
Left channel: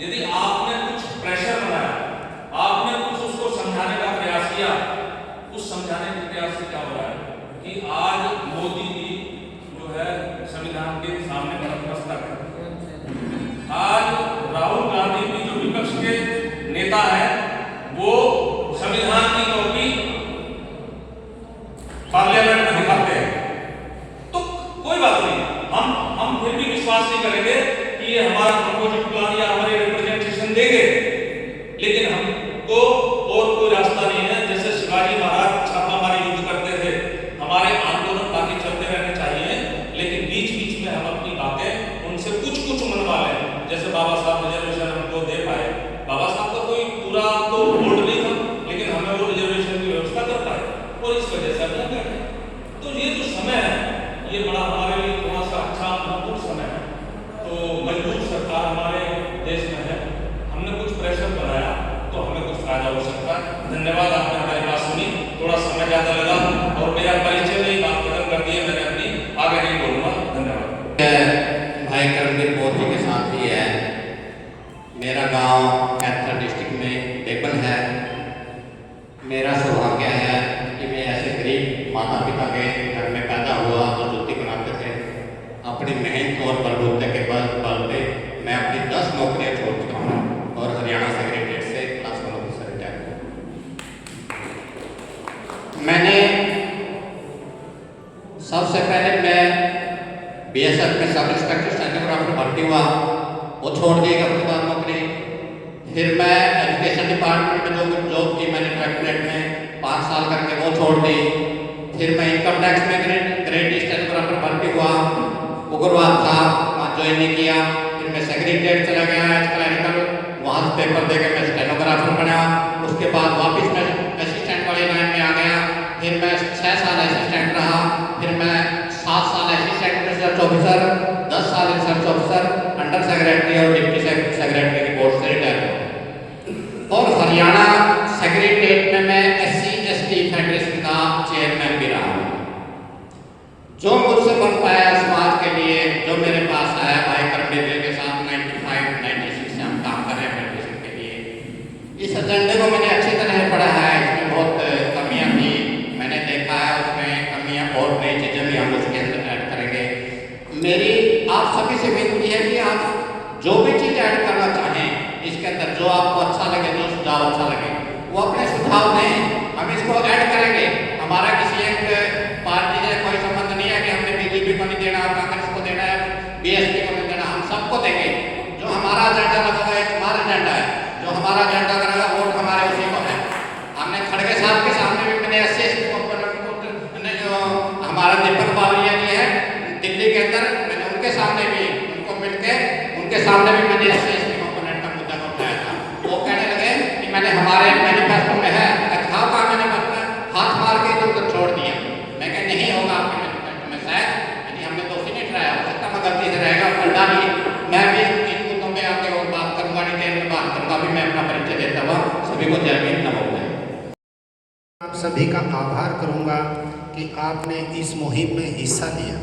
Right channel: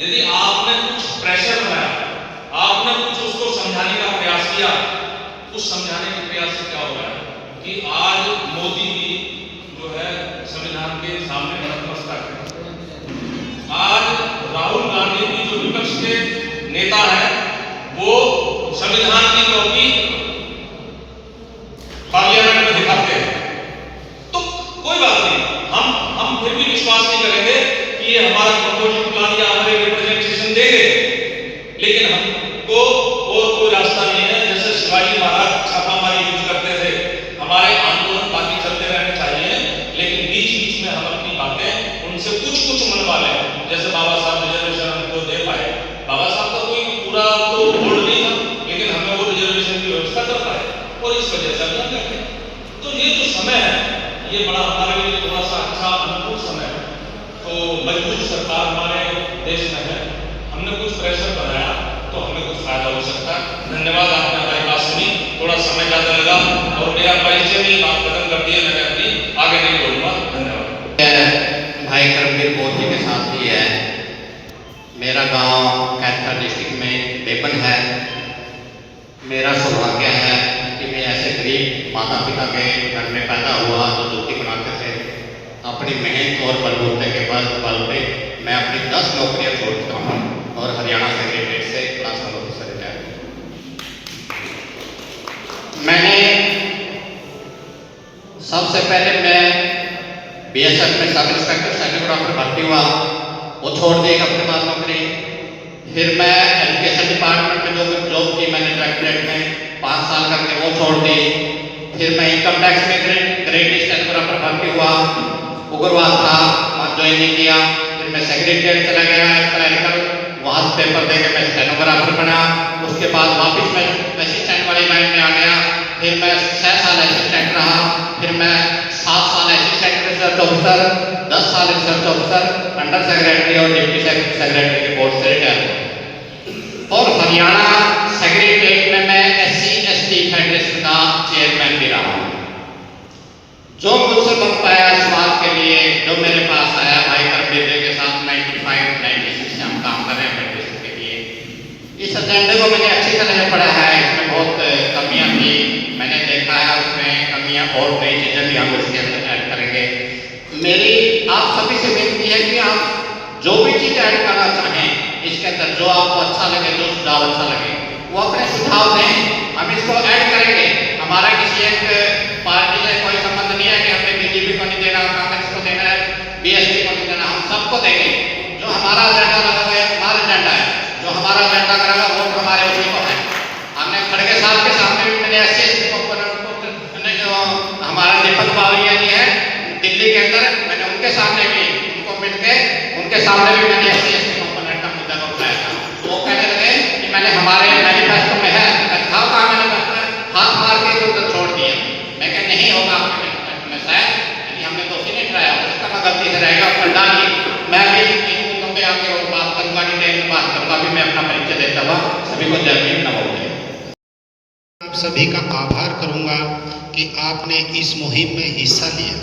यदि आपने कुछ प्रेशर बनाया, आपने कुछ उसको समझाने का प्रयास किया, उस समझाने के प्रयास से क्या हो रहा है कि आज मोदी भी जो है संविधान के सामने नतमस्तक है। आज राहुल गांधी भी जो विपक्ष के नेता है वो संविधान की कॉपी पार्लियामेंट में दिखाते हैं। तो कोई बात नहीं, हम फिर भी विश्वास नहीं करेंगे कि ये हमारा प्रपोजल प्लान या हमारे रिप्रेजेंटेशन देंगे, लेकिन हमको और कोई रास्ता नहीं है। जैसे शिवाजी महाराज छापामारी यूज करते थे, हमारे आंदोलन बाकी चलते रहने चाहिए, लेकिन बीच बीच में हम अपनी बातें उनसे कुछ मनवा लें। जैसे बाबा साहब रिजर्वेशन हमको दे पाए, बाबा साहब का कोई पूरा तो बोर्ड नहीं था, लेकिन हमें वो रिजर्वेशन की व्यवस्था कर पाए और इस वजह से हम करते। तो ये जो समय है ये बड़ा हमारे लिए थोड़ा सा अच्छा अनुकूल समय है। तो मजबूत सरकार हमारे देश में है, हमने कुछ प्रेशर बनाया तो हमें कुछ फायदा हो सकता है। धन्यवाद, आपने हमारी बात सुनी, थोड़ा समय ज़्यादा लगा और मेरा परिचय में बात खत्म कर दिया, मैंने अपनी आगे नहीं बोलूँगा। धन्यवाद। भाई करमवीर मोदी जी के साथ ही है। मेरा गांव कैथल डिस्ट्रिक्ट में बेबन है। मेरा सौभाग्य है कि मैं ऐसे गरीब माता पिता के घर में पैदा हुआ जो रोटी बनाते थे। अपनी मेहनत और बलबूते के बल पे मैं अपनी 10 नौकरियां छोड़ चुका हूँ और हरियाणा सेक्रेटरीट से क्लास 1 ऑफिसर रिटायर हूँ। मैंने सबसे पहले मैं BSF में सब इंस्पेक्टर स्टेनोग्राफर भर्ती हुआ, वो छोड़ दी अपने बाद नौकरी। फिर मैं एजुकेशन डिपार्टमेंट में जो जॉब की मैंने डायरेक्टरेट में 5 साल करके वो छोड़ दी। फिर मैं इनकम टैक्स में ग्रेड स्टेनोग्राफर भर्ती हुआ, उग्रवाद था, वहाँ ज्वाइन नहीं किया। फिर मैं सेक्रेटरीट चला गया क्लरिकल, वहाँ पेपर दे के मैं स्टेनोग्राफर बना। उसके बाद वापस मैं असिस्टेंट वाली लाइन में आ गया। फिर मैं 6 साल असिस्टेंट रहा। फिर मैं 7 साल असिस्टेंट रिसर्च ऑफिसर, 10 साल रिसर्च ऑफिसर, अंडर सेक्रेटरी और डिप्टी सेक्रेटरी के पोस्ट से रिटायर हुआ। और हरियाणा सेक्रेटरीट में मैं SC/ST फेडरेशन का चेयरमैन भी रहा हूँ। जो मुझसे बन पाया समाज के लिए, जो मेरे पास आया, भाई करमवीर के साथ 95-96 से हम काम कर रहे हैं फेडरेशन के लिए। इस एजेंडे को मैंने अच्छी तरह से पढ़ा है, इसमें बहुत कमियां थी, मैंने देखा है उसमें कमियां और नई चीज़ें भी हम उसके अंदर ऐड करेंगे। मेरी आप सभी से विनती है कि आप जो भी चीज़ ऐड करना चाहें इसके अंदर, जो आपको अच्छा लगे, जो सुझाव अच्छा लगे, वो अपने सुझाव दें, हम इसको ऐड करेंगे। हमारा किसी एक पार्टी से कोई संबंध नहीं है कि हमें BJP को नहीं देना, कांग्रेस को देना है, BSP को नहीं देना, हम सबको देंगे। जो हमारा एजेंडा लगा हुआ है हमारा एजेंडा है, जो हमारा एजेंडा करेगा वोट हमारे उसी को है। हमने खड़गे साहब के सामने भी मैंने SC/ST को जो हमारा दीपक बावरिया जी है दिल्ली के अंदर, मैंने उनके सामने भी उनको मिलके उनके सामने भी मैंने SC/ST कंपोनेंट का मुद्दा को उठाया था। वो कहने लगे कि मैंने हमारे मैनिफेस्टो में है, दिखाओ कहाँ मैंने करना है, हाथ मार के उधर छोड़ दिया। मैं कह नहीं होगा आपके मैनिफेस्टो में, शायद यानी हमने तो उसी नहीं कराया, हो सकता मैं गलती से रहेगा और डाली। मैं भी इन मुद्दों पर आके और बात करूँगा, डिटेल में बात करूँगा। भी मैं अपना परिचय देता हुआ सभी को जय भीम, नमो बुद्धाय। आप सभी का आभार करूंगा कि आपने इस मुहिम में हिस्सा लिया।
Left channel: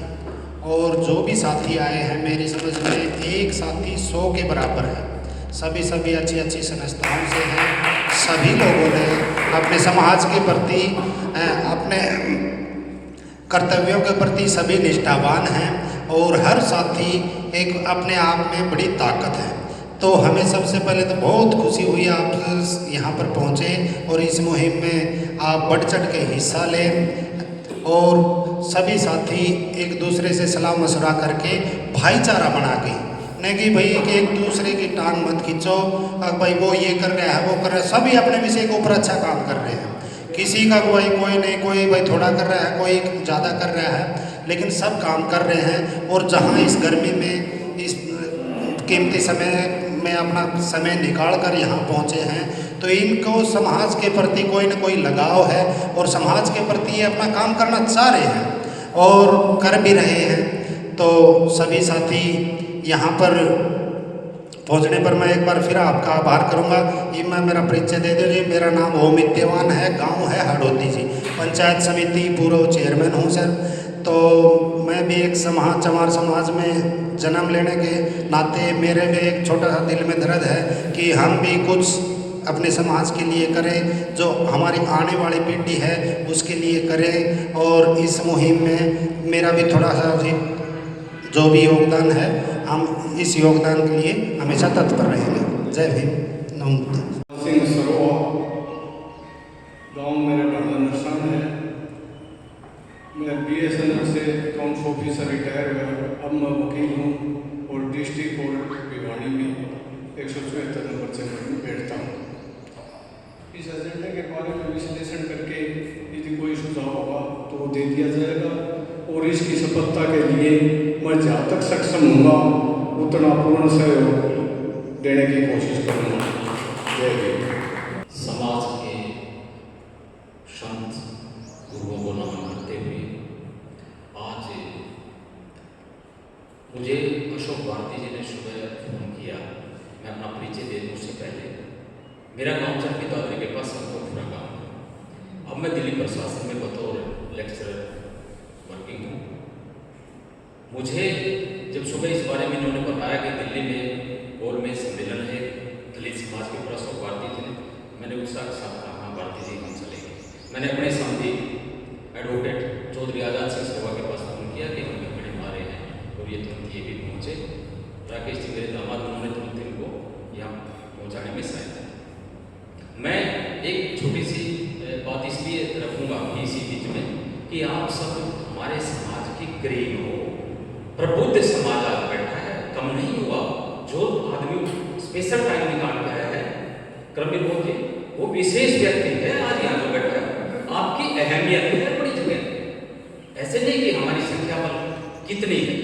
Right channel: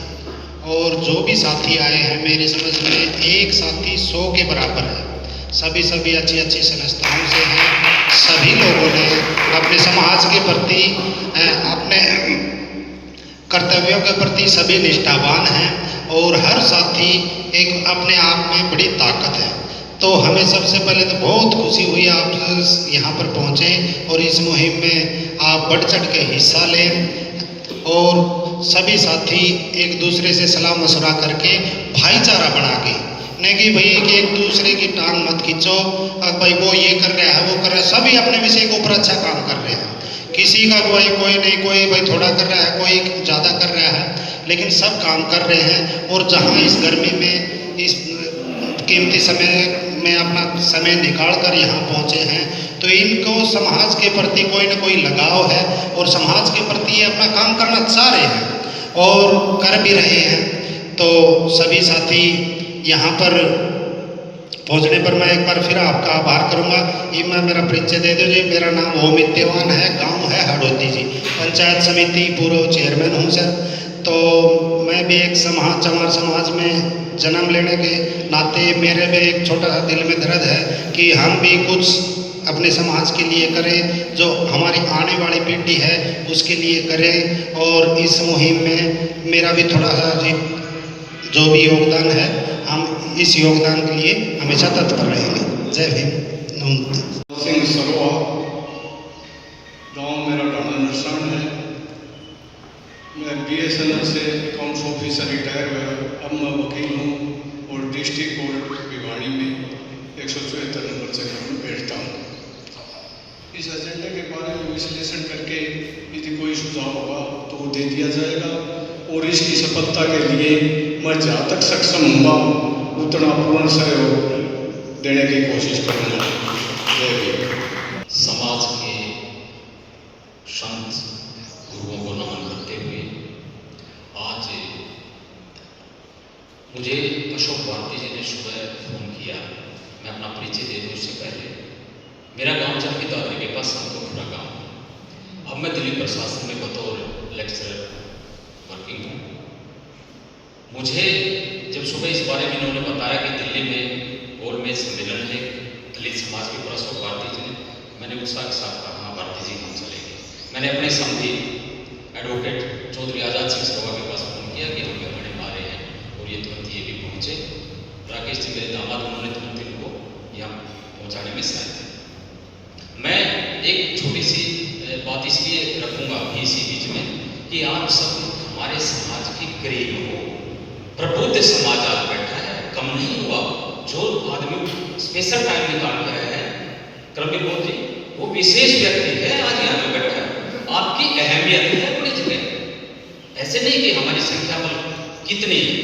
और जो भी साथी आए हैं, मेरी समझ में एक साथी 100 के बराबर है। सभी अच्छी अच्छी संस्थाओं से हैं। सभी लोगों ने अपने समाज के प्रति, अपने कर्तव्यों के प्रति सभी निष्ठावान हैं और हर साथी एक अपने आप में बड़ी ताकत है। तो हमें सबसे पहले तो बहुत खुशी हुई आप यहाँ पर पहुँचे और इस मुहिम में आप बढ़ चढ़ के हिस्सा लें और सभी साथी एक दूसरे से सलाह मशवरा करके भाईचारा बना के, नहीं कि भाई कि एक दूसरे की टांग मत खींचो, अब भाई वो ये कर रहा है वो कर रहा है, सभी अपने विषय के ऊपर अच्छा काम कर रहे हैं, किसी का कोई नहीं, कोई भाई थोड़ा कर रहा है, कोई ज़्यादा कर रहा है, लेकिन सब काम कर रहे हैं। और जहाँ इस गर्मी में इस कीमती समय में अपना समय निकाल कर यहाँ पहुँचे हैं, तो इनको समाज के प्रति कोई न कोई लगाव है और समाज के प्रति ये अपना काम करना चाह रहे हैं और कर भी रहे हैं। तो सभी साथी यहाँ पर पहुँचने पर मैं एक बार फिर आपका आभार करूँगा। ये मैं मेरा परिचय दे दीजिए, मेरा नाम ओमित देवान है, गांव है हड़ौती जी, पंचायत समिति पूर्व चेयरमैन हूँ सर। तो मैं भी एक चमार समाज में जन्म लेने के नाते मेरे में एक छोटा सा दिल में दर्द है कि हम भी कुछ अपने समाज के लिए करें, जो हमारी आने वाली पीढ़ी है उसके लिए करें। और इस मुहिम में मेरा भी थोड़ा सा जो भी योगदान है, हम इस योगदान के लिए हमेशा तत्पर रहेंगे। जय भीम। सिंह सरोआ, गांव मेरा डांडा नरसण है। मैं BSNL से अकाउंट्स ऑफिसर रिटायर हुआ, अब मैं वकील हूँ और डिस्ट्रिक्ट कोर्ट भिवाड़ी में 174 नंबर से मैं बैठता हूँ। इस एजेंडे के बारे में विश्लेषण करके यदि कोई सुझाव होगा तो वो दे दिया जाएगा और इसकी सफलता के लिए मैं जहाँ तक सक्षम होगा उतना पूर्ण सहयोग देने की कोशिश करूँगा। जय भीम। समाज के संत गुरुओं को नमन करते हुए आज मुझे अशोक भारती जी ने सुबह फोन किया। मैं अपना परिचय दे दूँ उससे पहले, मेरा गांव चाकी दादरी के पास संतोखपुरा गाँव है। अब मैं दिल्ली प्रशासन में बतौर लेक्चरर वर्किंग हूँ। मुझे जब सुबह इस बारे में इन्होंने बताया कि दिल्ली में गोलमेज सम्मेलन है दलित समाज के ऊपर अशोक भारती जी ने, मैंने उत्साह के साथ कहा हाँ भारती जी हम चलेंगे। मैंने अपने समधी एडवोकेट चौधरी आज़ाद सिंह सरोआ के पास फोन किया कि हम गड़बड़ी मारे हैं और ये तुरंत ये भी पहुँचे। राकेश जी मेरे दामाद, उन्होंने तुरंत इनको यहाँ पहुँचाने में सहायता। मैं एक छोटी सी बात इसलिए रखूँगा अभी इसी बीच में कि आप सब हमारे समाज के करीब हो। प्रबुद्ध समाज आज बैठा है, कम नहीं हुआ। जो आदमी स्पेशल टाइम निकाल के आया है क्रमिक बोध जी, वो विशेष व्यक्ति है आज यहाँ जो बैठा है। आपकी अहमियत है बड़ी जगह। ऐसे नहीं कि हमारी संख्या बल कितनी है,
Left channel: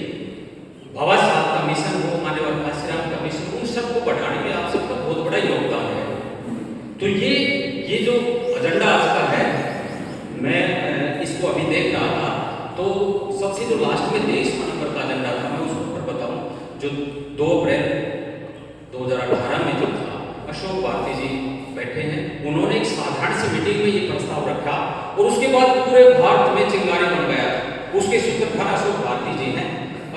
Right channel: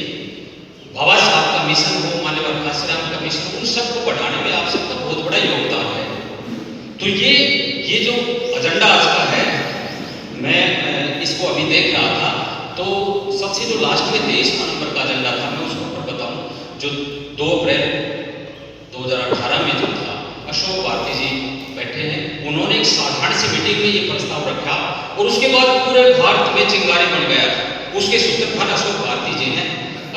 बाबा साहब का मिशन हो, मान्यवर काशीराम का मिशन, उन सबको बढ़ाने में आप सबका बहुत बड़ा योगदान है। तो ये जो एजेंडा आज का है, मैं इसको अभी देख रहा था तो सबसे जो लास्ट में 23 नंबर का एजेंडा था, मैं उसको ऊपर बताऊं, जो 2 अप्रैल 2018 में जो था, अशोक भारती जी बैठे हैं, उन्होंने एक साधारण सी मीटिंग में ये प्रस्ताव रखा और उसके बाद पूरे भारत में चिंगारी बन गया था। उसके सूत्रधार अशोक भारती जी हैं।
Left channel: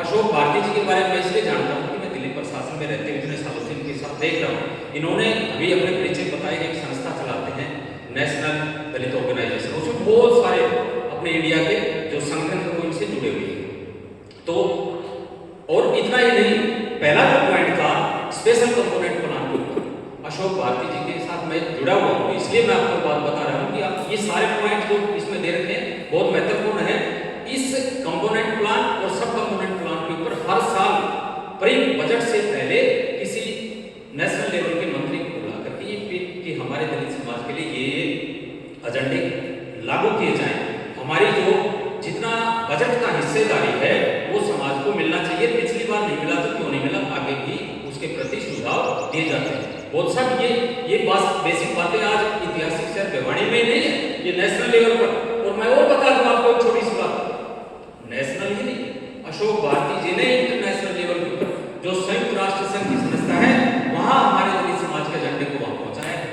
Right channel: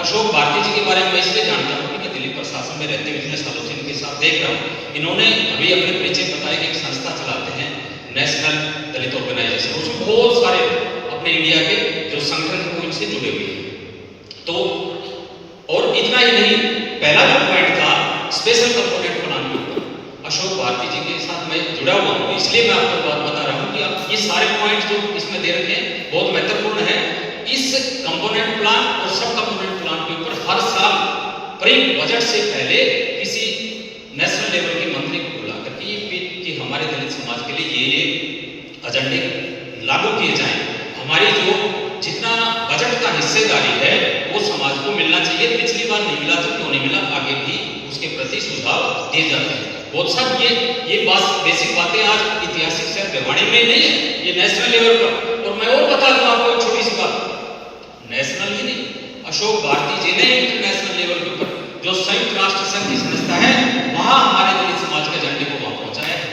अशोक भारती जी के बारे में मैं इसलिए जानता हूँ कि मैं दिल्ली प्रशासन में रहते हुए इतने सालों से इनके साथ देख रहा हूँ। इन्होंने अभी अपने परिचय बताया कि एक संस्था चलाते हैं नेशनल दलित ऑर्गेनाइजेशन, उसमें बहुत सारे अपने इंडिया के जो संगठन को इनसे जुड़े हुए हैं। तो और इतना ही नहीं, पहला जो पॉइंट था स्पेशल कंपोनेंट प्लान के ऊपर, अशोक भारती जी के साथ मैं जुड़ा हुआ हूँ, इसलिए मैं आपको बात बता रहा हूँ कि आप ये सारे पॉइंट जो इसमें दे रखे हैं बहुत महत्वपूर्ण है। इस कंपोनेंट प्लान और सब कंपोनेंट प्लान के ऊपर हर साल बजट से पहले किसी नेशनल लेवल के मंत्री को बुला करके ये कि हमारे दलित समाज के लिए ये एजेंडे लागू किए जाएं। हमारी जो जितना बजट का हिस्सेदारी है वो समाज को मिलना चाहिए। पिछली बार नहीं मिला तो क्यों नहीं मिला, आगे भी उसके प्रति सुझाव दिए जाते हैं। बहुत साहब ये बात बेसिक बातें आज ऐतिहासिक शहर भिवाड़ी में नहीं है, ये नेशनल लेवल पर। और मैं और बता दूं आपको एक छोटी सी बात, नेशनल ही नहीं, अशोक भारती जी ने इंटरनेशनल लेवल के ऊपर जो संयुक्त राष्ट्र संघ की संस्था है वहां हमारे दलित समाज के एजेंडे को वहां पहुंचाया है।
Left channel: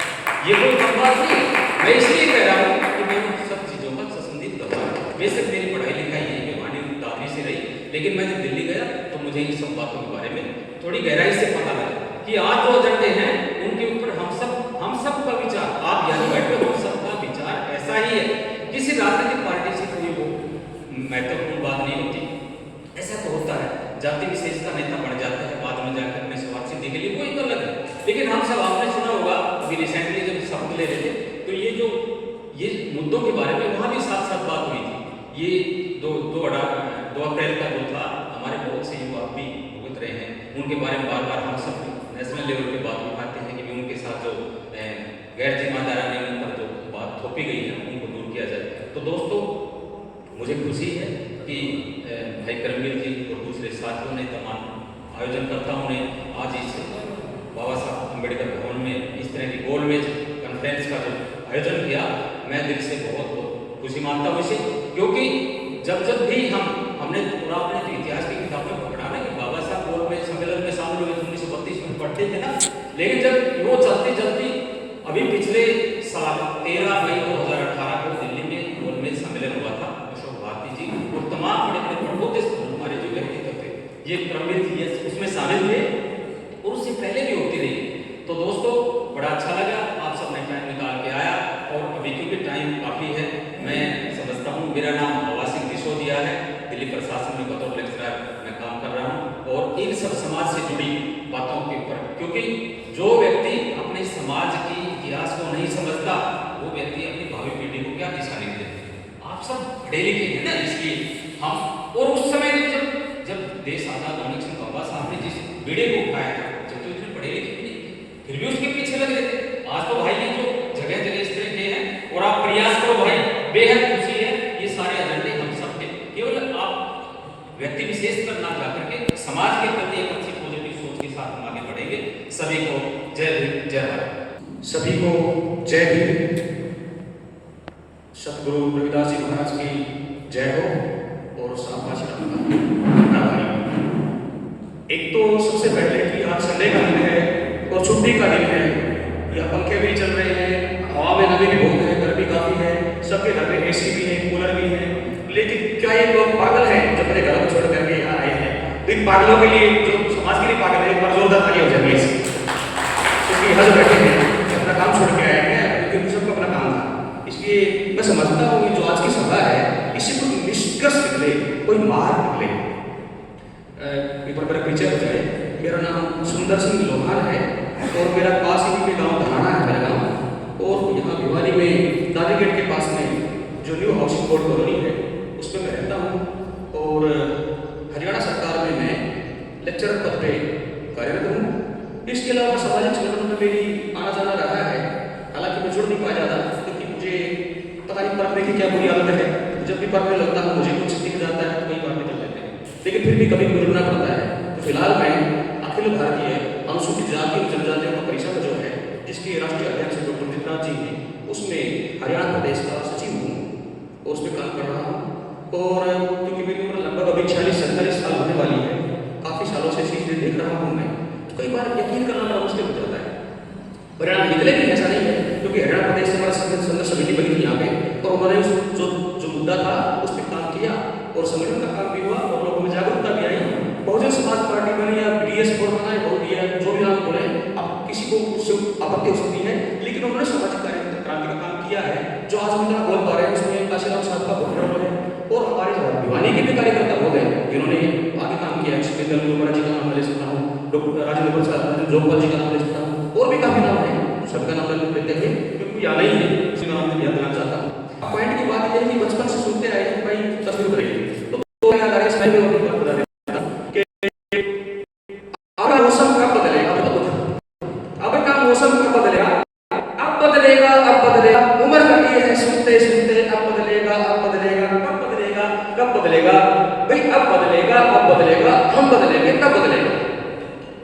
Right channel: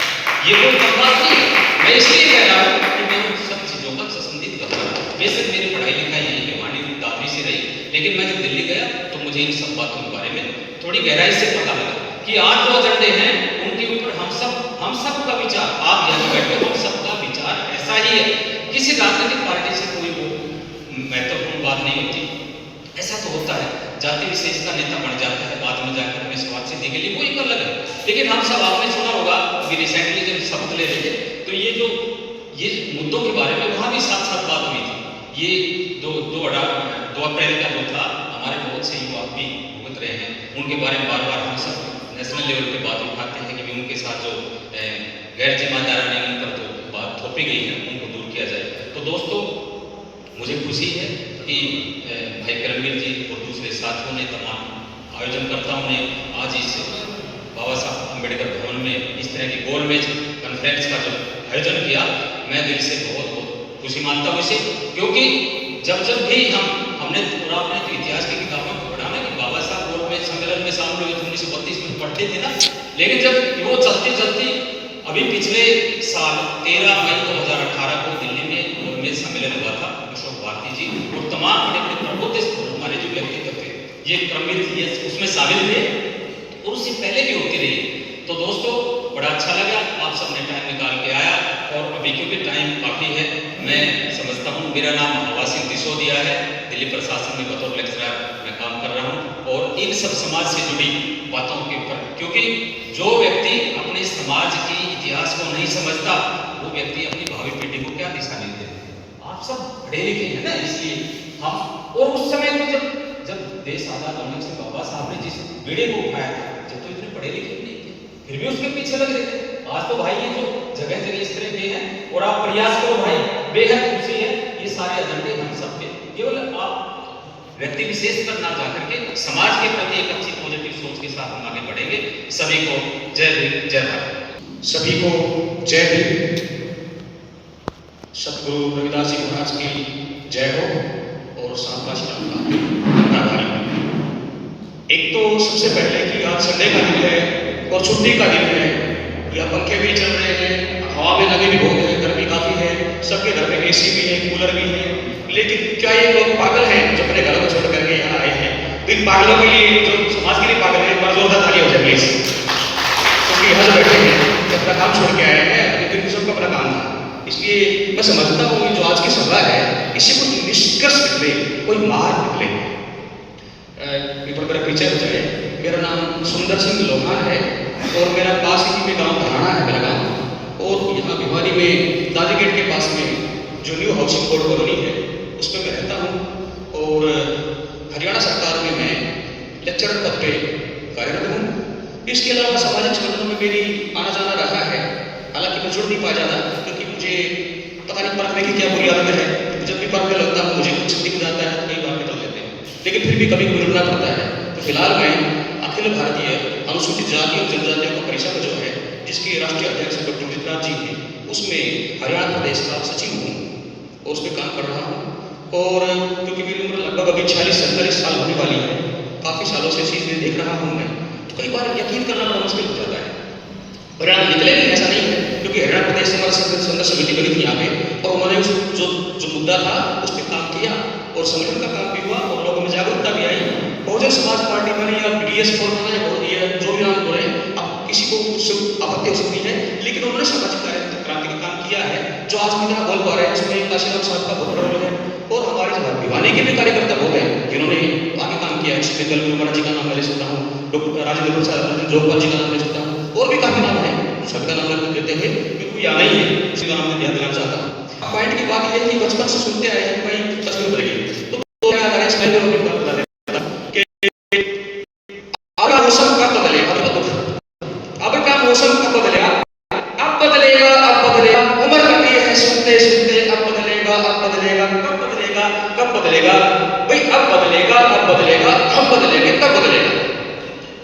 ये कोई कम बात नहीं है। मैं इसलिए कह रहा हूँ कि मैं उन सब चीजों का संबंधित कर रहा हूँ। बेशक मेरी पढ़ाई लिखाई यही भिवाड़ी दादरी से रही, लेकिन मैं जब दिल्ली गया तो मुझे इन सब बातों के बारे में थोड़ी गहराई से पता लगा कि आज जो एजेंडे हैं उनके ऊपर हम सब का विचार, आप यहाँ बैठे हो, हम सब का विचार ऐसा ही है। किसी राजनीतिक पार्टी से कोई वो महत्वपूर्ण बात नहीं होती, ऐसा तो होता है जाति विशेष का नेता बन जाता है, बाद में जाकर अपने स्वार्थ सिद्धि के लिए वो एक अलग है। लेकिन हम सब आपने सुना होगा अभी रिसेंटली जब शपथ ले रहे थे तो ये मुद्दों के बारे में वहाँ भी साथ साथ बात हुई थी। ये 2 अप्रैल का जो था, हमारे बहुत से युवा भी भुगत रहे हैं, उनके बारे में बार बार हम सब नेशनल लेवल पे बात उठाते हैं कि उनके साथ जो गैर जिम्मेदारानी उन पर जो बात थोपी गई है उनको दूर किया जाए। तो दोस्तों मुझे खुशी है कि भाई करमवीर जी और दूसरे साथियों ने, तमाम आयोजनकर्ताओं ने आज इस बाबा साहब अम्बेडकर भवन में इस तरह की गोलमेज कॉन्फ्रेंस का जो आयोजन किया, मैं दिल से बहुत बहुत खुशी मानता हूँ इसे। क्योंकि जब भी हमने पूरा अपने तो इतिहास की किताबों में पढ़ा ना कि बाबा साहब गोलमेज सम्मेलन में शामिल हुए 1932 में पढ़ते थे ना, लेकिन जब वो चलती अभी पिछले साल 13 मई 2018 को दिल्ली में गोलमेज सम्मेलन हुआ था, अशोक भारती जी और तमाम बड़े बड़े प्रबुद्ध हमारे जो व्यक्तित्व थे ये करमवीर जी उसमें शामिल थे और उससे पहले भी होती रही। तो दोस्तों बड़ा अच्छा लगा आप सबने टाइम निकाल के आया, और अभी क्योंकि टाइम काफ़ी है, मैं समझता हूँ मेरा नाम हवा सिंह सिसोदिया है, दिल्ली प्रशासन में बतौर लेक्चरर मैं काम कर रहा हूँ, और इन सब समाज से जुड़ी बातों के ऊपर, क्योंकि जो व्यक्ति अपने समाज के इतिहास को नहीं समझता वो व्यक्ति अपनी भावी पीढ़ी को क्या दिशा नहीं देता। आप सब पढ़े लिखे हैं ना, इसलिए हम, और उस समय तो जब देश आज़ाद होने से बाबा साहब ने जिस बेड़े को उठाया था, जब तो इतने पढ़े लिखे भी नहीं थे, फिर भी उसके पीछे लग रहे थे। आज तो भाई ये जो जगह जगह इस तरह के हैं, और आप प्रयास करो भाई, बेहद खुशी है, ये सारे एजेंडे हम सबके, केवल आप व्यक्ति विशेष पर ना जाकर के समाज के प्रति एक अच्छी पॉजिटिव सोच के साथ हम आगे बढ़ेंगे। सभी को जय भीम, जय भारत। सभी को जय भीम। सतगुरु रविदास जी महाराज की जय हो और साथ एक तो सबसे पहले कि आज संडे का दिन है और छुट्टी का दिन है, या पंखे भी चल रहे हैं, हवा में नमी भी बहुत है, गर्मी काफ़ी है, सबके घर में एसी भी है, कूलर भी है, लेकिन क्या ये लोग पागल हैं जो अपने घर को छोड़ करके यहाँ आए हैं? तो इन पागलों के लिए, जो समाज के लिए पागल है, एक बार जोरदार ताली हो जाए प्लीज। क्योंकि यहाँ जो बैठे हैं अपना काम छोड़ के आए हैं, लेकिन सबको अपना काम था, इसलिए मैं समझता हूँ जो आज की सभा है इससे कुछ निष्कर्ष निकले, कोई मार निकले। मेरा परिचय हो जाए, मेरा नाम सुंदर सिंह लोहान है और मेरा पास ही में गांव धनाना है मेरा गांव, और यहाँ भिवानी में दादी गेट के पास में जो न्यू हाउसिंग बोर्ड कॉलोनी है उसमें मैं रहता हूँ, और हरियाणा सरकार में मैं लेक्चरर पद पे कार्यरत हूँ। इसके अलावा सामाजिक संगठनों में मेरी आना जाना रहा है, हालांकि मैं जुड़ नहीं पाया जाता क्योंकि मुझे पता नहीं पढ़ने की क्या बुरी आदत है, जब भी पढ़ने लगता हूँ मुझे कुछ दिख जाता है, कई बार निकल लेते हैं, लेकिन फिर भी कभी जुड़ना पड़ता है। तो फिलहाल मैं अखिल भारतीय अनुसूचित जाति और जनजातियों का परिषद जो है, जिसके राष्ट्रीय अध्यक्ष डॉक्टर जितराज जी हैं, उसमें हरियाणा प्रदेश का सचिव हूँ और उस पर काम कर रहा हूँ। और क्योंकि मेरी उम्र लगभग अभी 46-47 साल होने वाली है, काफ़ी सालों से चीज़ें देख रहा हूँ मैं, तो कई बार यकीन करना बड़ा मुश्किल हो जाता है। परिणाम निकले भी ऐसा नहीं है, क्योंकि हरियाणा प्रदेश से हमारा संघर्ष समिति बनी थी यहाँ पे, और उन्होंने जो मुद्दा था उस पर काम किया और संगठन का काम भी हुआ और लोगों में जागरूकता भी आई। बहुजन समाज पार्टी बनी या BDS फोर बनाए, जो भी नाम बोले, अब किसी को उससे आपत्ति हो सकती है, लेकिन उन्होंने सामाजिक क्रांति का काम किया है जो आज भी बोल पा रहे हैं, उसमें काशीराम साहब का बहुत बड़ा रोल है, और हमारे भिवानी के भी कार्यकर्ता हो गए जिन्होंने आगे काम किया है। इसमें दल जी का नाम ले सकता हूँ, डॉक्टर राजेंद्र प्रसाद जोगपाल जी का नाम ले सकता हूँ, और भी काफी नाम है, सबका नाम लेते हैं क्योंकि याद नहीं है, इसी नाम में ध्यान देना चाहता हूँ। पॉइंट की बात यह है कि बचपन से सुनते आए हैं भाई तस्वीर बदलेगी, तो अब मौसम कब बदलेगा, अब का मौसम कब बदलेगा, अब बदलेगा, अब बदलेगा, उम्र कटी है सुनते सुनते, अब बदलेगा, अब बदलेगा, कब बदलेगा, कब बदलेगा, भाई अब बदलेगा, अब बदलेगा, हम बदलेंगे, तब बदलेगा।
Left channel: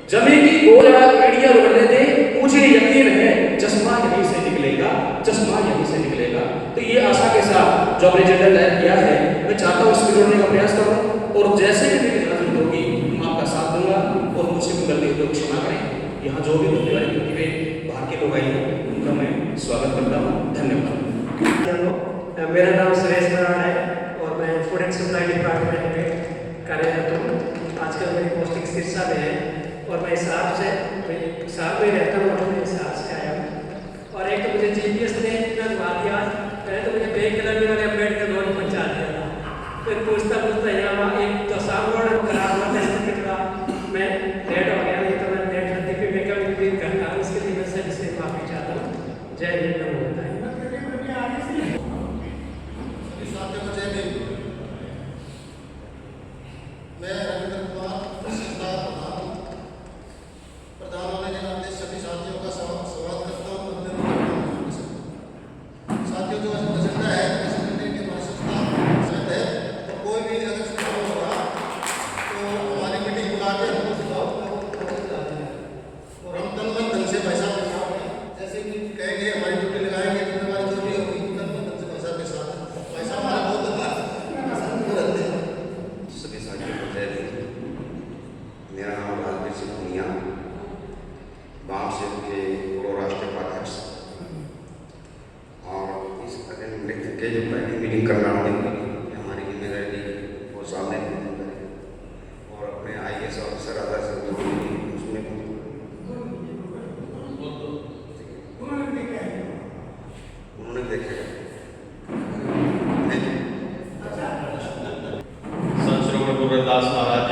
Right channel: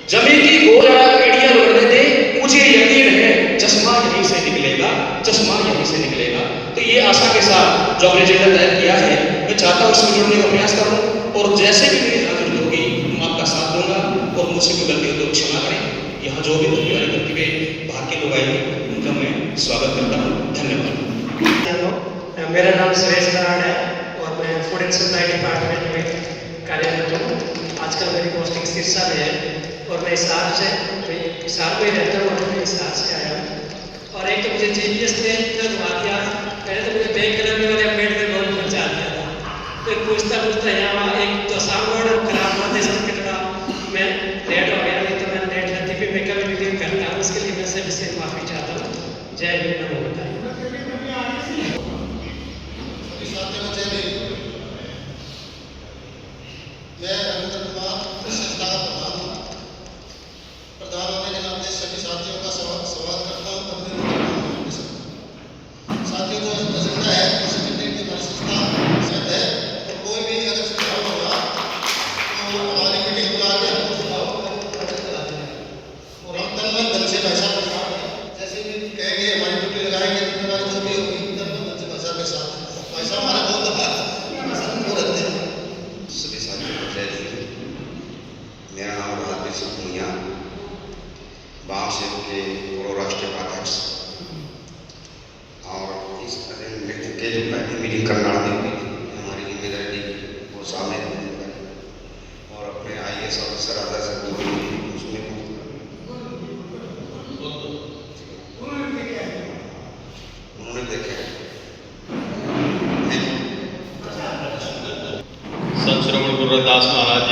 जमीन की गोल एड़िया उड़ने दे, मुझे यकीन है चश्मा यहीं से निकलेगा, चश्मा यहीं से निकलेगा। तो ये आशा के साथ जो हमने एजेंडा तैयार किया है, मैं चाहता हूँ उसमें जुड़ने का प्रयास करूँ, और जैसे भी मेरी हाजिरी होगी मैं आपका साथ दूंगा, और मुझसे भी गलती हो तो क्षमा करें। यहाँ जो भी धन्यवाद करते हुए बाहर के लोग आए हैं उनका मैं स्वागत करता हूँ। धन्यवाद। मेरा नाम सुरेश नारायण है और मैं फूड एंड सप्लाई डिपार्टमेंट में कार्यरत हूँ। आजकल मेरी पोस्टिंग सिरसा में है और मैं हिसार से हिसार में रहता हूँ और मैं हिसार से आया हूँ। और एक तो मुझे GPS ने इतना घुमा दिया, पहले तो मुझे बैंक कलर वाले अम्बेडकर रोड पहुँचा दिया था, तो पूछता यहाँ एक तो सामने खराब हुआ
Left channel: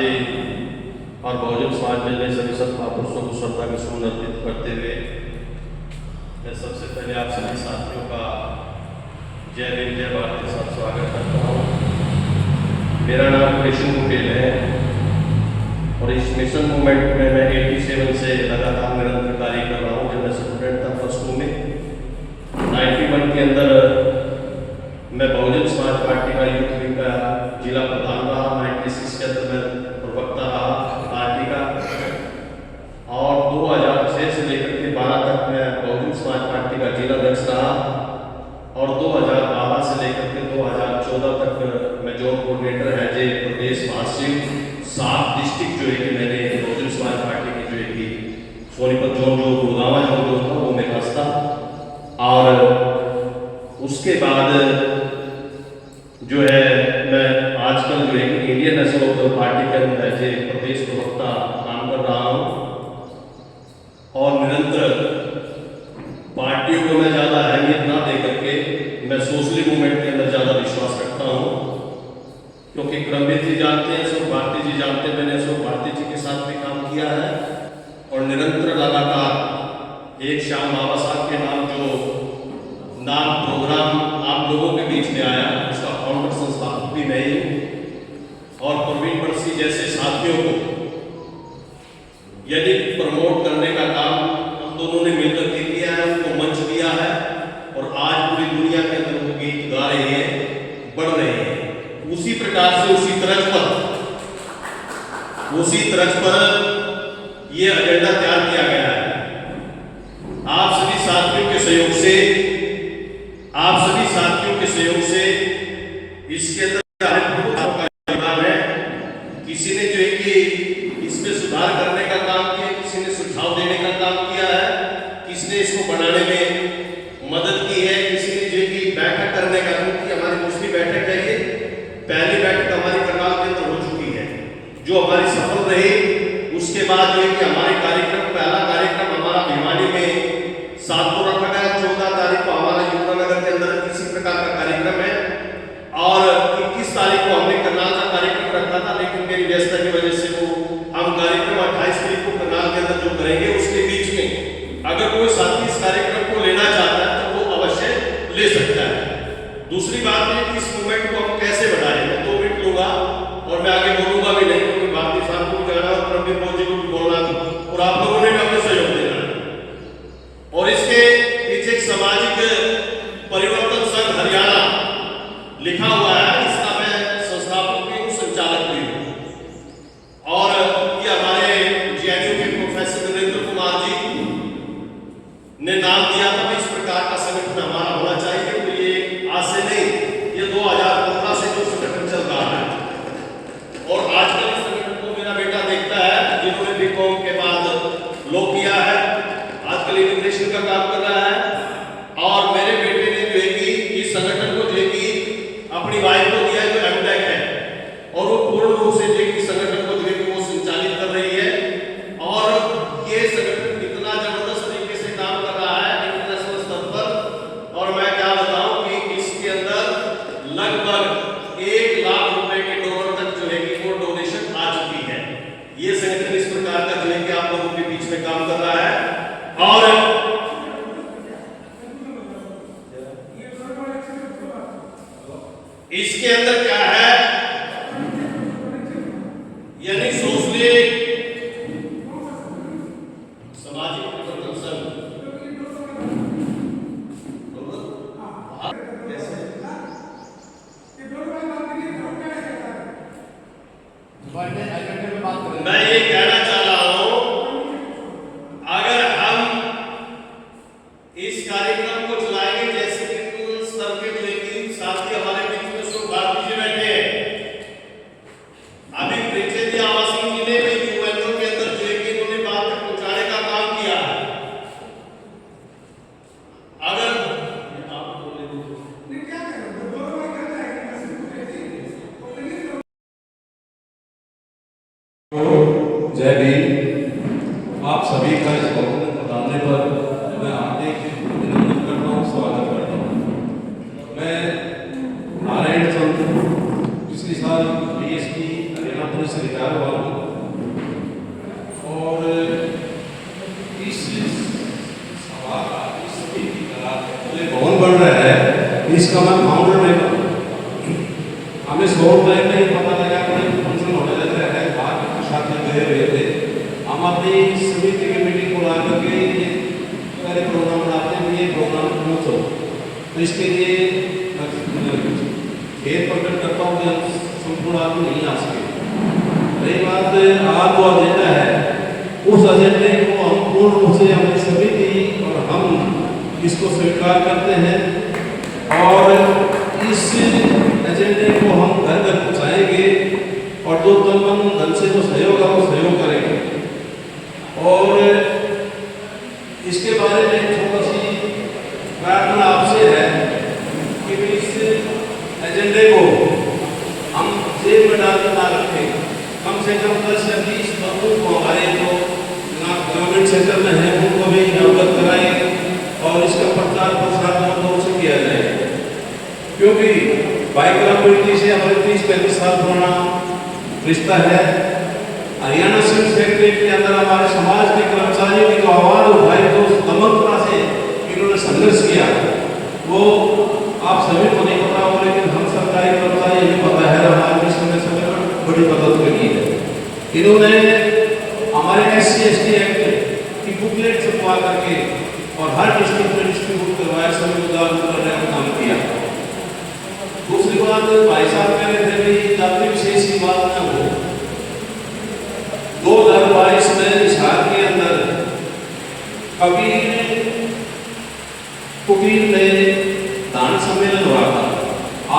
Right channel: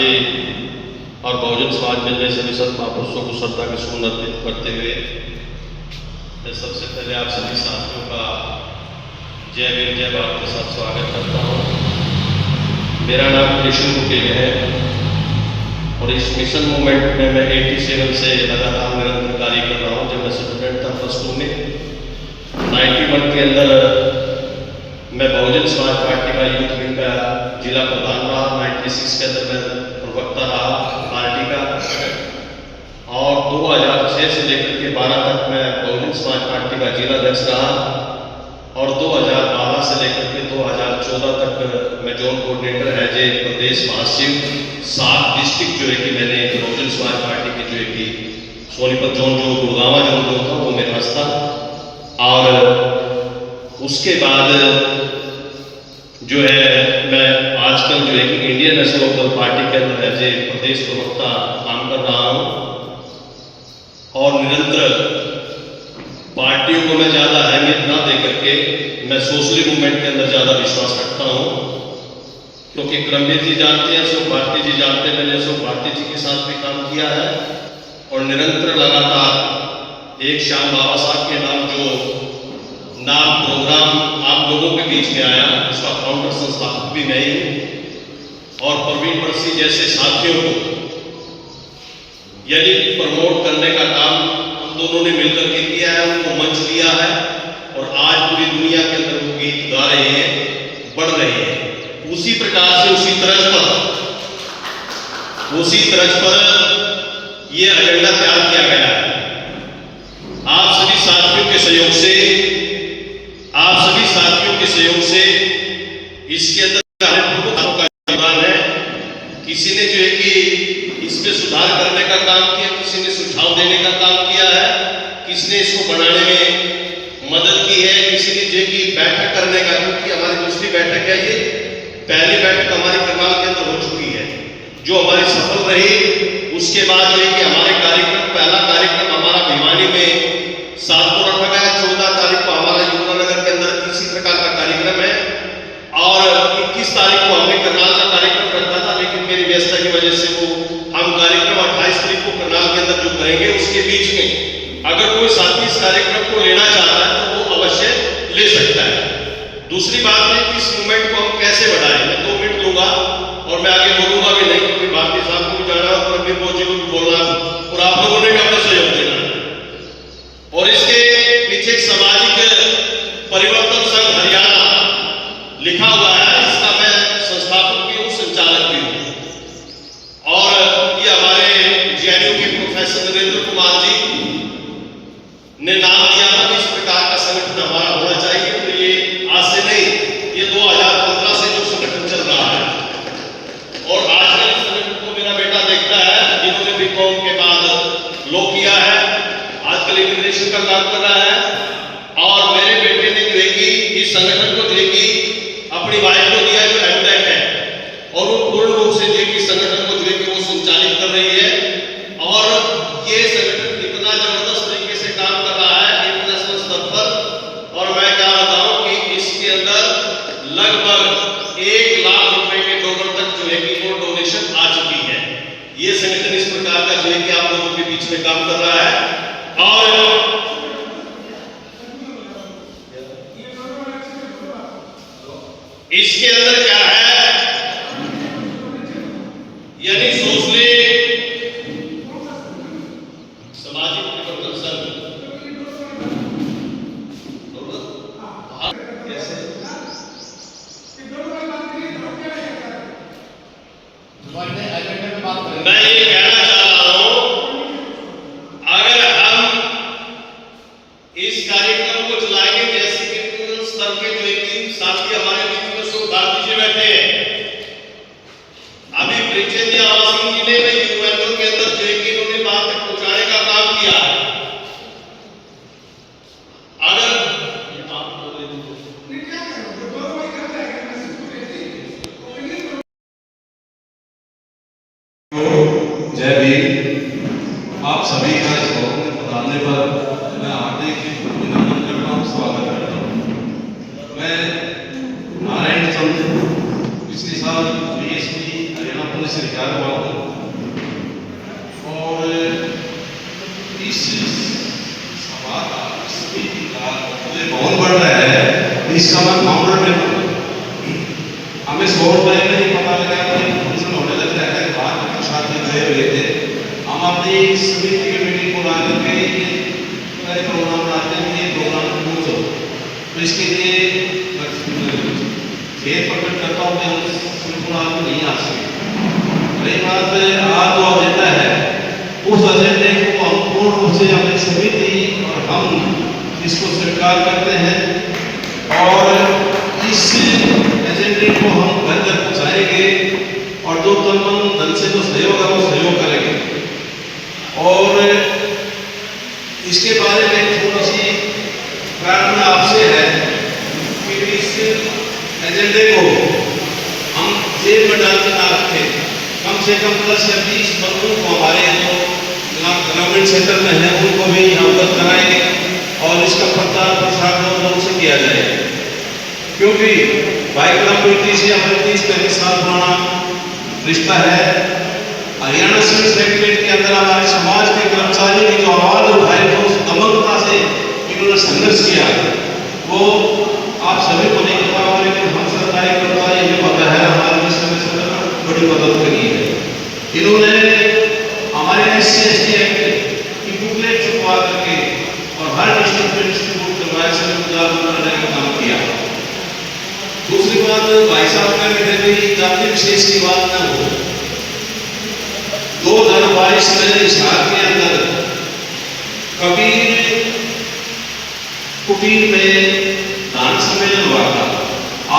जी और बहुजन समाज मिल रहे सभी संत महापुरुषों को श्रद्धा के सुमन अर्पित करते हुए मैं सबसे पहले आप सभी साथियों का जय भीम जय भारत के साथ स्वागत करता हूँ। मेरा नाम कृष्ण कुटेल है और इस मिशन मूवमेंट में मैं 87 से लगातार निरंतर कार्य कर रहा हूँ। जब मैं स्टूडेंट था +2 में 91 के अंदर मैं बहुजन समाज पार्टी का यूथ विंग का जिला प्रधान रहा। 96 के अंदर मैं प्रवक्ता रहा पार्टी का और 2006 से लेकर के 12 तक मैं बहुजन समाज पार्टी का जिला अध्यक्ष रहा और 2012 से लेकर के 2014 तक मैं जोन कोऑर्डिनेटर है जे प्रदेश महासचिव 7 डिस्ट्रिक्ट जो है कि मैंने बहुजन समाज पार्टी के जो है कि सोनीपत जोन जो गुड़गावा जोन जो था वो मेरे पास था। और उसके बाद जो है मैं आजकल जो है कि इंडियन नेशनल लोकदल पार्टी के अंदर एज ए प्रदेश प्रवक्ता काम कर रहा हूँ और निरंतर पार्टियों को मैं ज़्यादा अहमियत ना दे करके मैं सोशली मूवमेंट के अंदर ज़्यादा विश्वास रखता हूँ, क्योंकि क्रमवीर जी जानते हैं, अशोक भारती जी जानते हैं, मैंने अशोक भारती जी के साथ भी काम किया है और निरंतर लगातार एक श्याम बाबा साहब के नाम जो नाम प्रोग्राम आप लोगों के बीच में आया उसका फाउंडर संस्थापक भी मैं ही हूँ और प्रवीण परसी जैसे साथियों को यदि प्रमोट करने का काम हम दोनों ने मिलकर के किया है, उनको मंच दिया है और आज पूरी दुनिया के अंदर वो गीत गा रहे हैं, बढ़ रहे हैं। उसी प्रकार से उसी तरज पर ये एजेंडा तैयार किया गया है। आप सभी साथियों के सहयोग से इसके अंदर का योगदान है। किसी ने जो है कि इसमें सुधार करने का काम किया, किसी ने सुझाव देने का काम किया है, किसी ने इसको बनाने में मदद की है, किसी ने जो है कि बैठक करने का, क्योंकि हमारी दूसरी बैठक है, ये पहली बैठक हमारी करनाल के अंदर हो चुकी है जो हमारी सफल रही। उसके बाद जो है कि हमारे कार्यक्रम, पहला कार्यक्रम हमारा भिवानी में 7 को रखा गया है, 14 तारीख को हमारा यमुनानगर के अंदर इसी प्रकार का कार्यक्रम है और 21 तारीख को हमने करनाल का कार्यक्रम रखा था, लेकिन मेरी व्यस्तता की वजह से वो हम कार्यक्रम 28 तारीख को करनाल के अंदर जो करेंगे उसके बीच में अगर कोई साथी इस कार्यक्रम को लेना चाहता है तो वो अवश्य ले सकता है। दूसरी बात है कि इस मूवमेंट को हम कैसे बढ़ाएं। मैं 2 मिनट लूंगा और मैं आगे बोलूंगा भी नहीं, क्योंकि भारतीय साहब को भी जाना है, प्रवीण मोदी जी को भी बोलना और आप लोगों ने भी अपने सहयोग देना है। और इसके पीछे एक सामाजिक परिवर्तन संघ हरियाणा लिखा हुआ है, इसका मैं संस्थापक भी हूँ, संचालक भी हूँ और ये हमारे जेएनयू के प्रोफेसर नरेंद्र कुमार जी ने नाम दिया था कि इस प्रकार का संगठन हमारा होना चाहिए। तो ये आज से नहीं, ये 2015 से जो संगठन चल रहा है और आजकल इस संगठन को मेरा बेटा देखता है, जिन्होंने बीकॉम के बाद लॉ किया है, आजकल इमिग्रेशन का काम कर रहा है और मेरे बेटे ने जो है कि इस संगठन को जो है कि अपनी वाइफ को दिया जो एमटेक है और वो पूर्ण रूप से जो है कि संगठन को जो है कि वो संचालित कर रही है और ये संगठन इतना जबरदस्त तरीके से काम कर रहा है इंटरनेशनल स्तर पर। और मैं क्या बताऊं कि इसके अंदर लगभग 1 लाख रुपए के डोनर तक जो है कि वो डोनेशन आ चुकी है। ये संगठन इस प्रकार का जो है कि आप लोगों के बीच में काम कर रहा है और इसके अंदर क्या है, यानी सोशली सामाजिक परिवर्तन संघ कैसे मैं ये कहना चाह रहा हूं, अगर हम इस कार्यक्रम को चलाएंगे जैसे कि स्तर के जो एक साथी हमारे बीच में अशोक भारती जी बैठे हैं, अभी ब्रिजेंद्र आवास सिंह जी ने भी यूएनओ के अंदर जो है कि इन्होंने बात तक पहुंचाने का काम किया है। अगर आप बोले जय भीम। आप सभी का इस भवन में पधारने पर मैं हार्दिक अभिनंदन करता हूँ, स्वागत करता हूँ। मैं नारायण चंद पिछले साल डीएसपी हरियाणा पुलिस से रिटायर हुआ हूँ और इस सभा का इस समिति का जो भवन बन रहा है इसका मैं फाउंडर मेंबर हूँ। हमें 100 रुपये नहीं पता लगा कि फंक्शन होने लग रहा है, बाहर के छात्र गए हुए थे। हम अपनी समिति की मीटिंग को लाने के लिए प्रोग्राम बनाते हैं, ये प्रोग्राम क्लोज हो तो इसके लिए खेत पटन करता हूँ कि हम संपूर्ण आदमी नहीं आ सके। रही बात आज जो एजेंडा है उस एजेंडे को हम पूर्ण रूप से हमारी समिति और हम इसको स्वीकार करते हैं और इस एजेंडे को हम घर घर पहुँचाएंगे और जो तन मन धन से जो सहयोग है वो सहयोग करेंगे। और इसके बारे में थोड़ी सी प्रार्थना आपसे है कि इस एजेंडे को हम जेब में डाल कर ना रखें, कम से कम 10 या 20 बंदों को हमारे जो ग्रामीण क्षेत्र में है उनको भी अवगत कराएंगे और इसका प्रचार प्रसार जोर से किया जाए, क्योंकि भाईकला प्रीति से हमारे 30-35 साल पुराना रिश्ता है। हरियाणा सिविल सेक्रेटरीट के अंदर हमारे समाज के कर्मचारियों की जो आवाज उठाई तो उस दमनता से इन्होंने संघर्ष किया वो आप सभी को नहीं पता होगा, लेकिन हम सरकारी कर्मचारी हमें पता है हमारे विश्व में बड़ी मदद करी है। इन्होंने हमारे SC/ST एक्ट की बुकलेट छपवा करके और हर डिस्ट्रिक्ट में डिस्ट्रीब्यूट करवाया, सभी को जागरूक करने का काम किया। दूसरी बात भाई साहब कह रहे थे कि जाति विशेष की बात न हो। 2022 में हिसार के अंदर कबीर कुटीर में दान सम्मेलन हुआ था।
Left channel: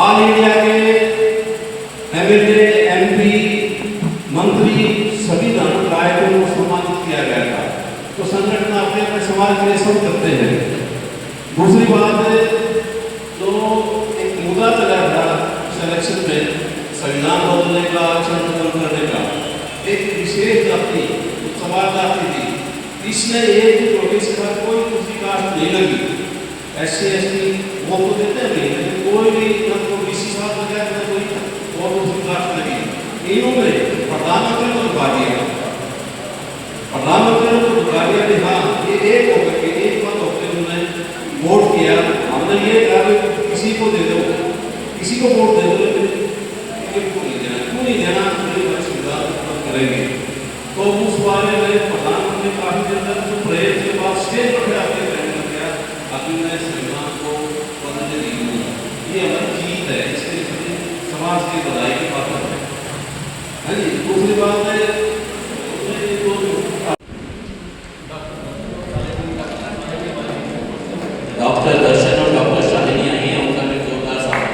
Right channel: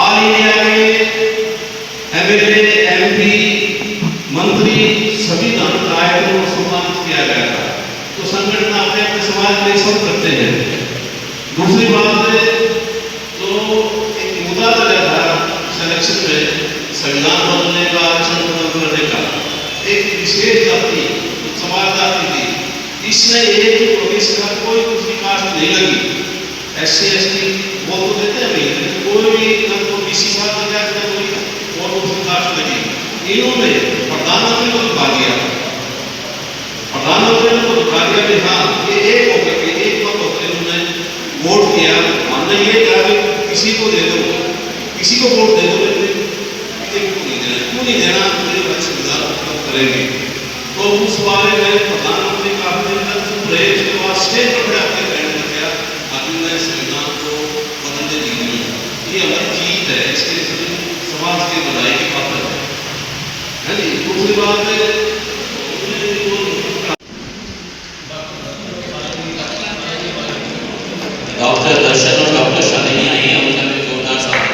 ऑल इंडिया के MLA, MP, मंत्री सभी दान नायकों को सम्मानित किया गया था। तो संगठन अपने अपने समाज में सब करते हैं। दूसरी बात तो एक मुद्दा चला था सिलेक्शन में संविधान बदलने का, आरक्षण खत्म करने का, एक विशेष जाति समाज जाति थी, इसमें एक प्रोग्रेस का कोई दूसरी कास्ट नहीं लगी। SC/ST वो तो देते हैं नहीं, लेकिन कोई भी न तो BC साथ में गया न कोई और दूसरी कास्ट लगी। इन्होंने प्रधानमंत्री को दिखा दिया, प्रधानमंत्री को दिखा दिया कि हाँ ये एक होकर के एक मत होकर इन्होंने वोट किया। हमने ये कहा कि किसी को दे दो, किसी को वोट दे दो, लेकिन बीजेपी को नहीं देना। क्यों नहीं देना? मेरी बड़ी सुविधा करेंगे। तो उस बारे में प्रधानमंत्री काफी दिन तक चुप रहे। उसके बाद स्टेज पर खड़े होकर कहने लग गया अपने संविधान को बदलने दीजिए, ये हमारी जीत है, इसके समाज की भलाई की बात है नहीं। दूसरी बात है डॉक्टर दर्शन और डॉक्टर शालिनी आई हैं, उनका भी जोरदार स्वागत।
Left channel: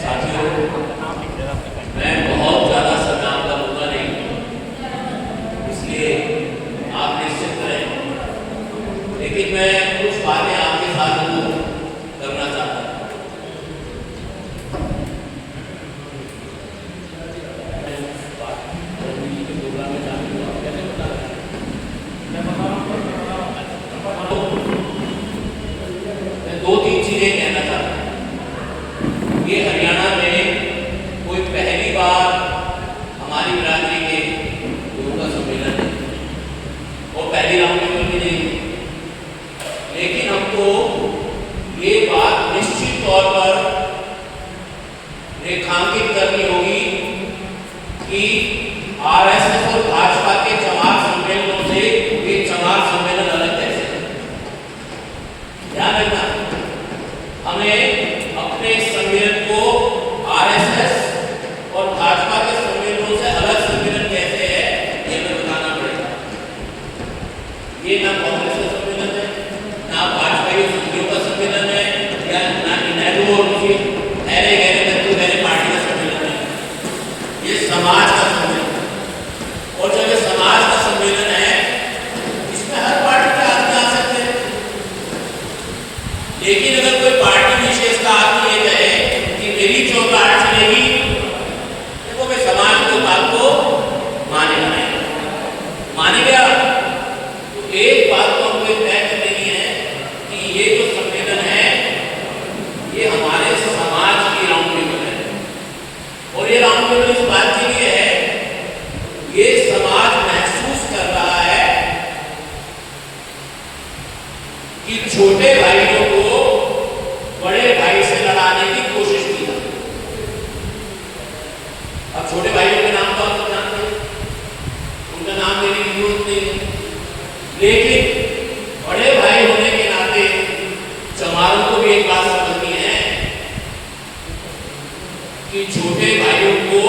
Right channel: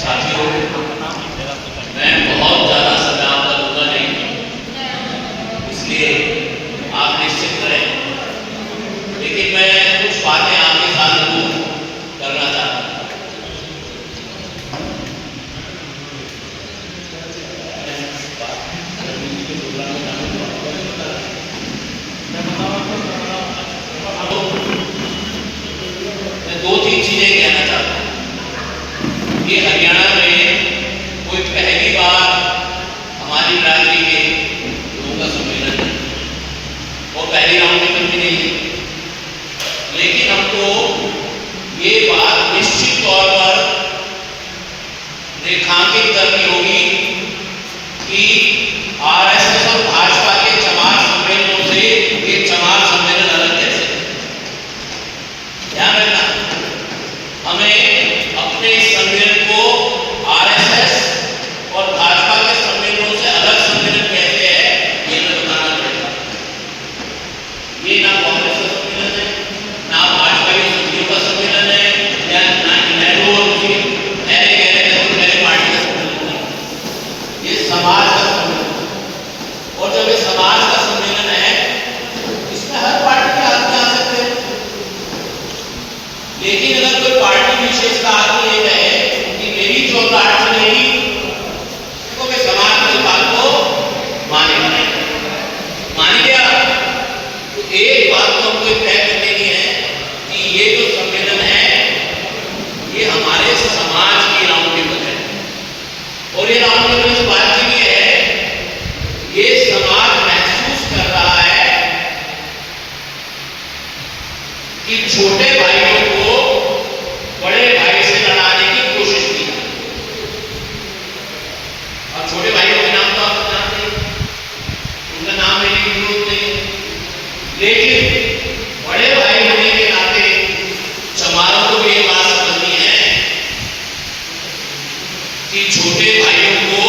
साथियों, मैं बहुत ज़्यादा समय आपका लूँगा नहीं, इसलिए आप निश्चित करें, लेकिन मैं कुछ बातें आपके साथ जरूर करना चाहता हूँ। मैं 2-3 चीजें कहना चाहता हूँ। ये हरियाणा में कोई पहली बार हमारी बिरादरी के लोगों का सम्मेलन है, वो पहली राउंड में भी नहीं है, लेकिन हमको ये बात निश्चित तौर पर रेखांकित करनी होगी कि RSS और भाजपा के चमार सम्मेलनों से ये चमार सम्मेलन अलग कैसे। ध्यान रखना, हमें अपने सम्मेलन को हमारे समाज की राउंड टेबल है। और ये राउंड टेबल इस बात के लिए है, ये समाज महसूस कर रहा है कि छोटे भाइयों को बड़े भाई से लड़ाने की कोशिश की। अब छोटे भाइयों के नाम तो आप जानते हैं, उनका नाम लेने की जरूरत नहीं है, लेकिन बड़े भाई होने के नाते चमारों को भी एक बात समझनी है कि छोटे भाइयों को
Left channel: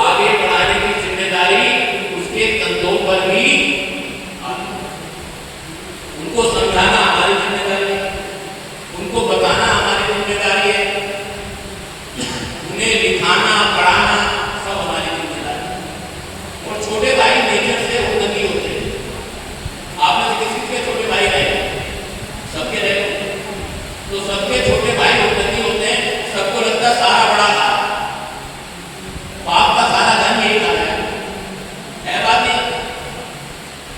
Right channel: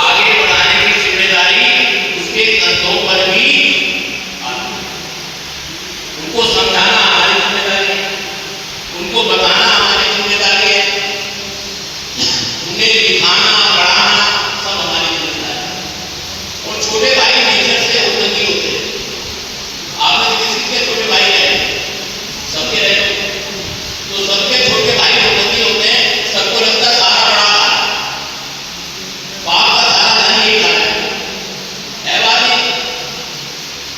आगे बढ़ाने की जिम्मेदारी उसके कंधों पर भी आती है। उनको समझाना हमारी जिम्मेदारी है, उनको बताना हमारी जिम्मेदारी है, उन्हें लिखाना पढ़ाना सब हमारी जिम्मेदारी है। और छोटे भाई नेचर से उन्नति होते हैं। आपने किसी के छोटे भाई रहे, सबके रहे, तो सबके छोटे भाई उन्नति होते हैं। सबको लगता है सारा बड़ा बाप का सारा धन यही खा रहा है बात नहीं।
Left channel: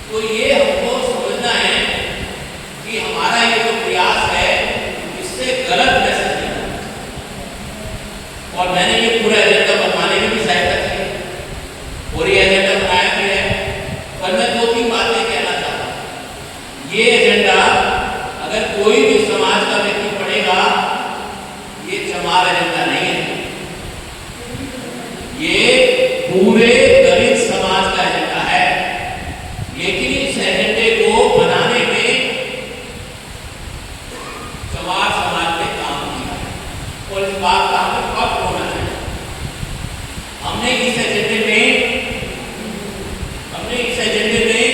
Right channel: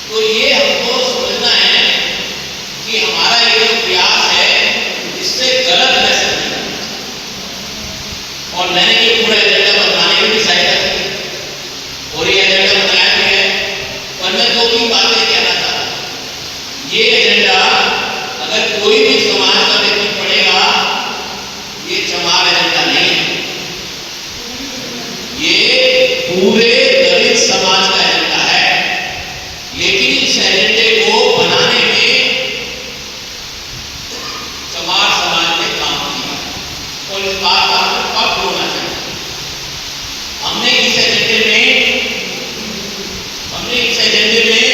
तो ये हमको समझना है कि हमारा ये जो प्रयास है इससे गलत मैसेज नहीं। और मैंने ये पूरा एजेंडा बनवाने में भी सहायता की और ये एजेंडा बनाया भी है। पर मैं 2-3 बातें कहना चाहता हूँ। ये एजेंडा अगर कोई भी समाज का व्यक्ति पढ़ेगा, ये चमार एजेंडा नहीं है, ये पूरे दलित समाज का एजेंडा है। लेकिन इस एजेंडे को बनाने में चमार समाज ने काम किया और इस बात का हमें पक्ष होना चाहिए। हमने इस एजेंडे में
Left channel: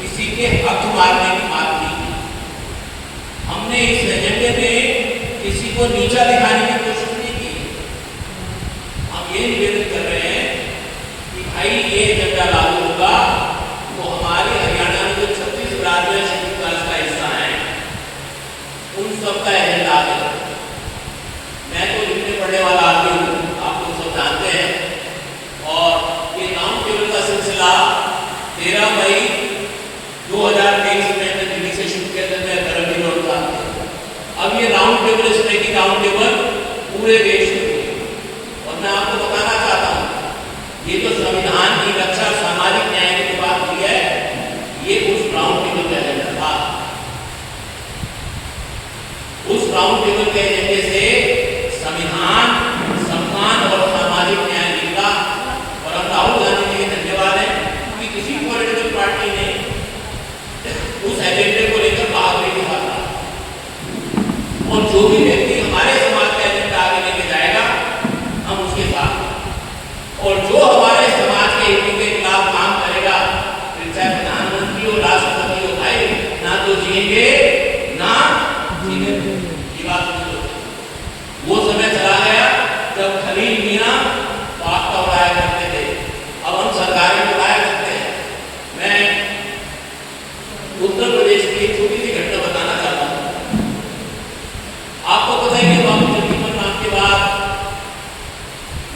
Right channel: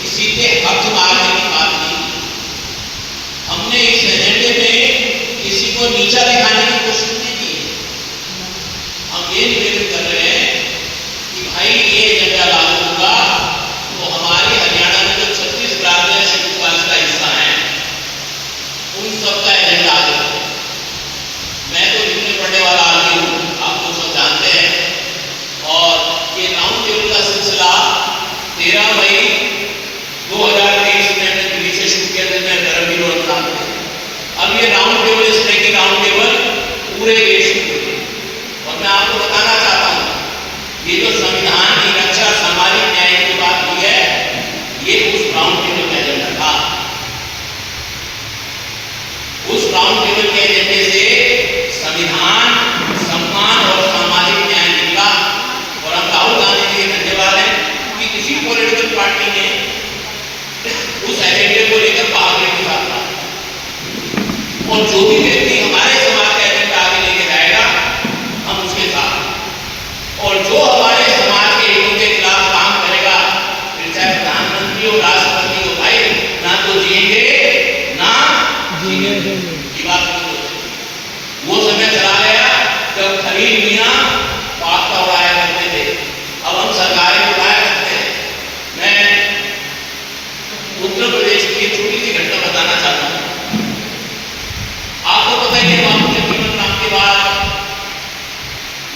किसी के हक मारने की बात नहीं की। हमने इस एजेंडे में किसी को नीचा दिखाने की कोशिश नहीं की। हम ये निवेदन कर रहे हैं कि भाई ये एजेंडा लागू होगा तो हमारे हरियाणा में जो 36 राज्य शेड्यूल कास्ट का हिस्सा है उन सबका एजेंडा आगे बढ़ेगा। मैं तो लिखने पढ़ने वाला आदमी हूँ, आप लोग सब जानते हैं। और ये राउंड टेबल का सिलसिला 13 मई 2023 में हमने दिल्ली से शुरू किया था। मैं धर्मवीर और प्रांत में अब ये राउंड टेबल, इस तरह की राउंड टेबल पूरे देश में हुई। और मैं आपको बताना चाहता हूँ ये जो संविधान की रक्षा, सामाजिक न्याय की बात हुई है, ये उस राउंड टेबल का एजेंडा था। उस राउंड टेबल के एजेंडे से संविधान, सम्मान और सामाजिक न्याय निकला। और हम राहुल गांधी जी के धन्यवाद है कि किसी पॉलिटिकल पार्टी ने उस एजेंडे को लेकर भाग लेके साथ। और जो भी व्यक्ति हमारे समाज का एजेंडा आगे लेके जाएगा हम उसके साथ। और जो हमारे समाज के हितों के खिलाफ काम करेगा, फिर चाहे प्रधानमंत्री हो, राष्ट्रपति हो, भाई ना तो जिएंगे ना जिएंगे। ये बात नहीं होती। वो समय चला गया जब खलील मियां पास्ता उड़ाया करते थे, अब हम सरकारें उड़ाया करते हैं। मैं उत्तर प्रदेश की छोटी सी घटना बताना चाहता हूँ। आपको पता है कि जगजीवन राम के बाद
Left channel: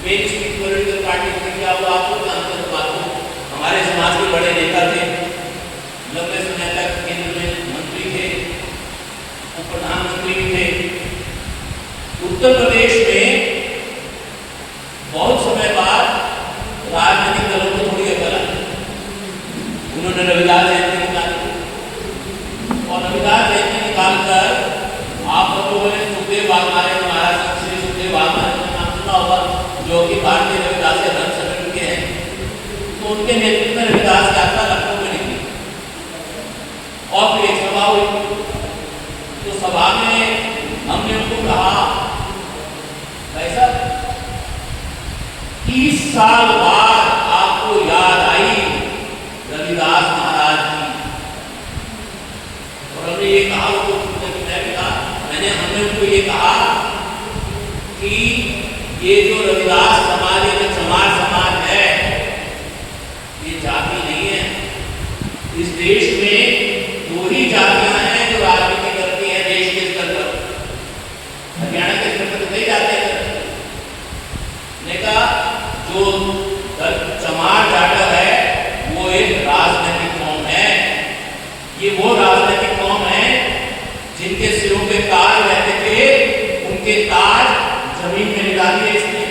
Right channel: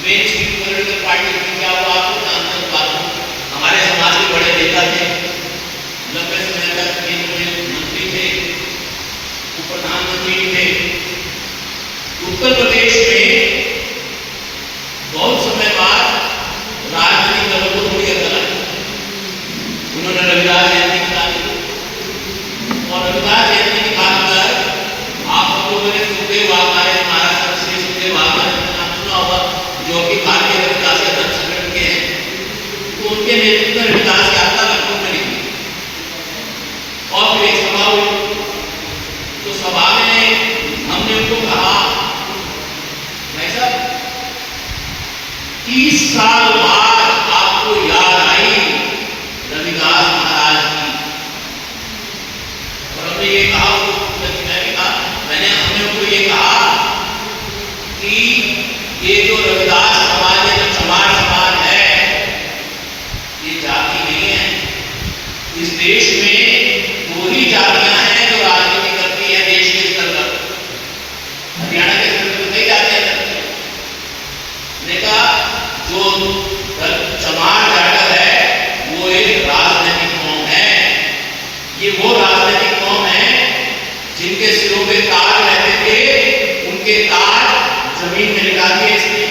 मेन स्ट्रीम पॉलिटिकल पार्टी में क्या हुआ, आपको जानते हैं बात को। हमारे समाज के बड़े नेता थे, लंबे समय तक केंद्र में मंत्री थे, वो प्रधानमंत्री भी थे। उत्तर प्रदेश में बहुत समय बाद राजनीतिक दलों को थोड़ी अकल आई। उन्होंने रविदास जयंती निकाली और रविदास जयंती निकालकर आप सब लोगों ने सुखदेव वाघमारे, महाराष्ट्र श्री सुखदेव वाघमारे का नाम सुना होगा, जो कि भारतीय रविदास के धर्म संगठन के हैं। तो उनके नेतृत्व में रविदास यात्रा लखनऊ में निकली और फिर एक सभा हुई। तो सभा में हमने उनको कहा, भाई साहब 30 साल बाद आपको याद आई रविदास महाराज की। और हमने ये कहा, हमने उनको ये कहा कि ये जो रविदास समाज है, जो चमार समाज है, ये जाति नहीं है। इस देश में 2 ही जातियां हैं जो राजनीति करती है देश के स्तर पर। हरियाणा के स्तर पर तो कई जातियां करती हैं। मैंने कहा जो चमार जाट है वो एक राजनीतिक कौम है। ये वो राजनीतिक कौम है जिनके सिरों पे ताज रहते थे, उनके ताज जमीन में लिटा दिए इसने।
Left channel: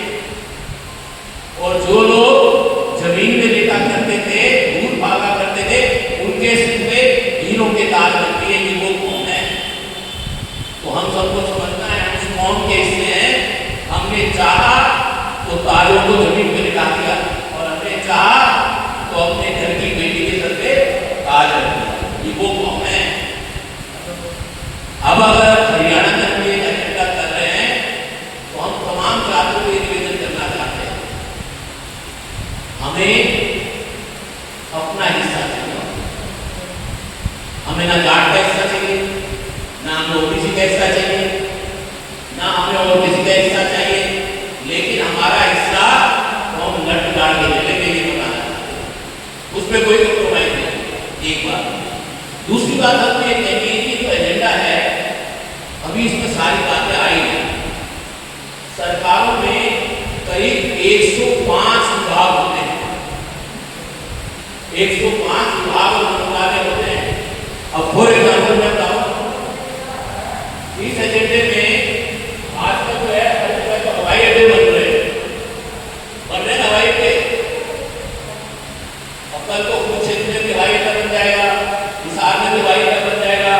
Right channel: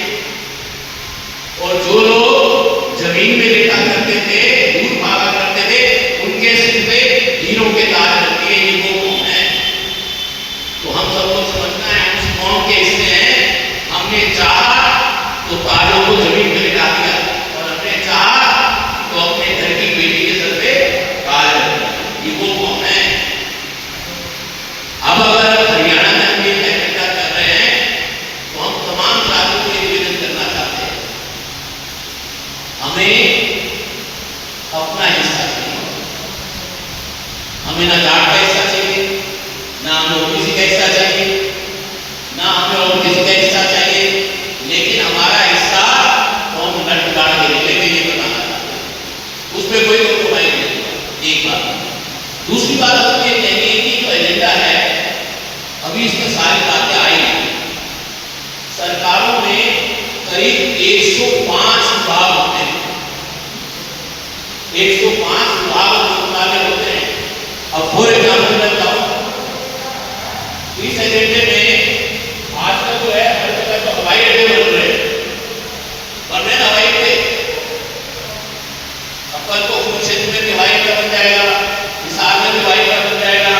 और जो लोग जमीन में लिटा करते थे, दूर भागा करते थे, उनके सिर पे हीरों के ताज लगती है। ये वो कौन है? तो हम सबको समझना है उस कौन के हिस्से हैं। हमने चाहा तो ताजों को जमीन में लिटा दिया, और हमने चाहा तो अपने घर की बेटी के सर पे ताज रख दिया। ये वो कौन है? अब अगर हरियाणा में हम ये एजेंडा कर रहे हैं तो हम तमाम छात्रों को ये निवेदन करना चाहते हैं, हमें अपना हिस्सा चाहिए। हमें ना घाट का हिस्सा चाहिए, ना हमें ओबीसी का हिस्सा चाहिए, ना हमें और किसी का हिस्सा चाहिए, लेकिन हमारा हिस्सा तो हम नट गाड़ के लेंगे, ये बताना चाहते हैं। उस पर कोई कॉम्प्रोमाइज नहीं। एक बात। दूसरी बात हमें ये कहनी है कि जो एजेंडा है अभी इसमें सारी बातें आई हैं। सरकारों में करीब 105 विभाग होते हैं, 105 विभाग मंत्रालय होते हैं। अब फॉर एग्जाम्पल मैं बताऊं, इस एजेंडे में आजकल जो है हर जगह तो हवाई अड्डे बन रहे हैं हवाई अड्डे। अब कल को कुरुक्षेत्र में भी हवाई अड्डा बन जाएगा, हिसार में भी हवाई अड्डा बन जाएगा,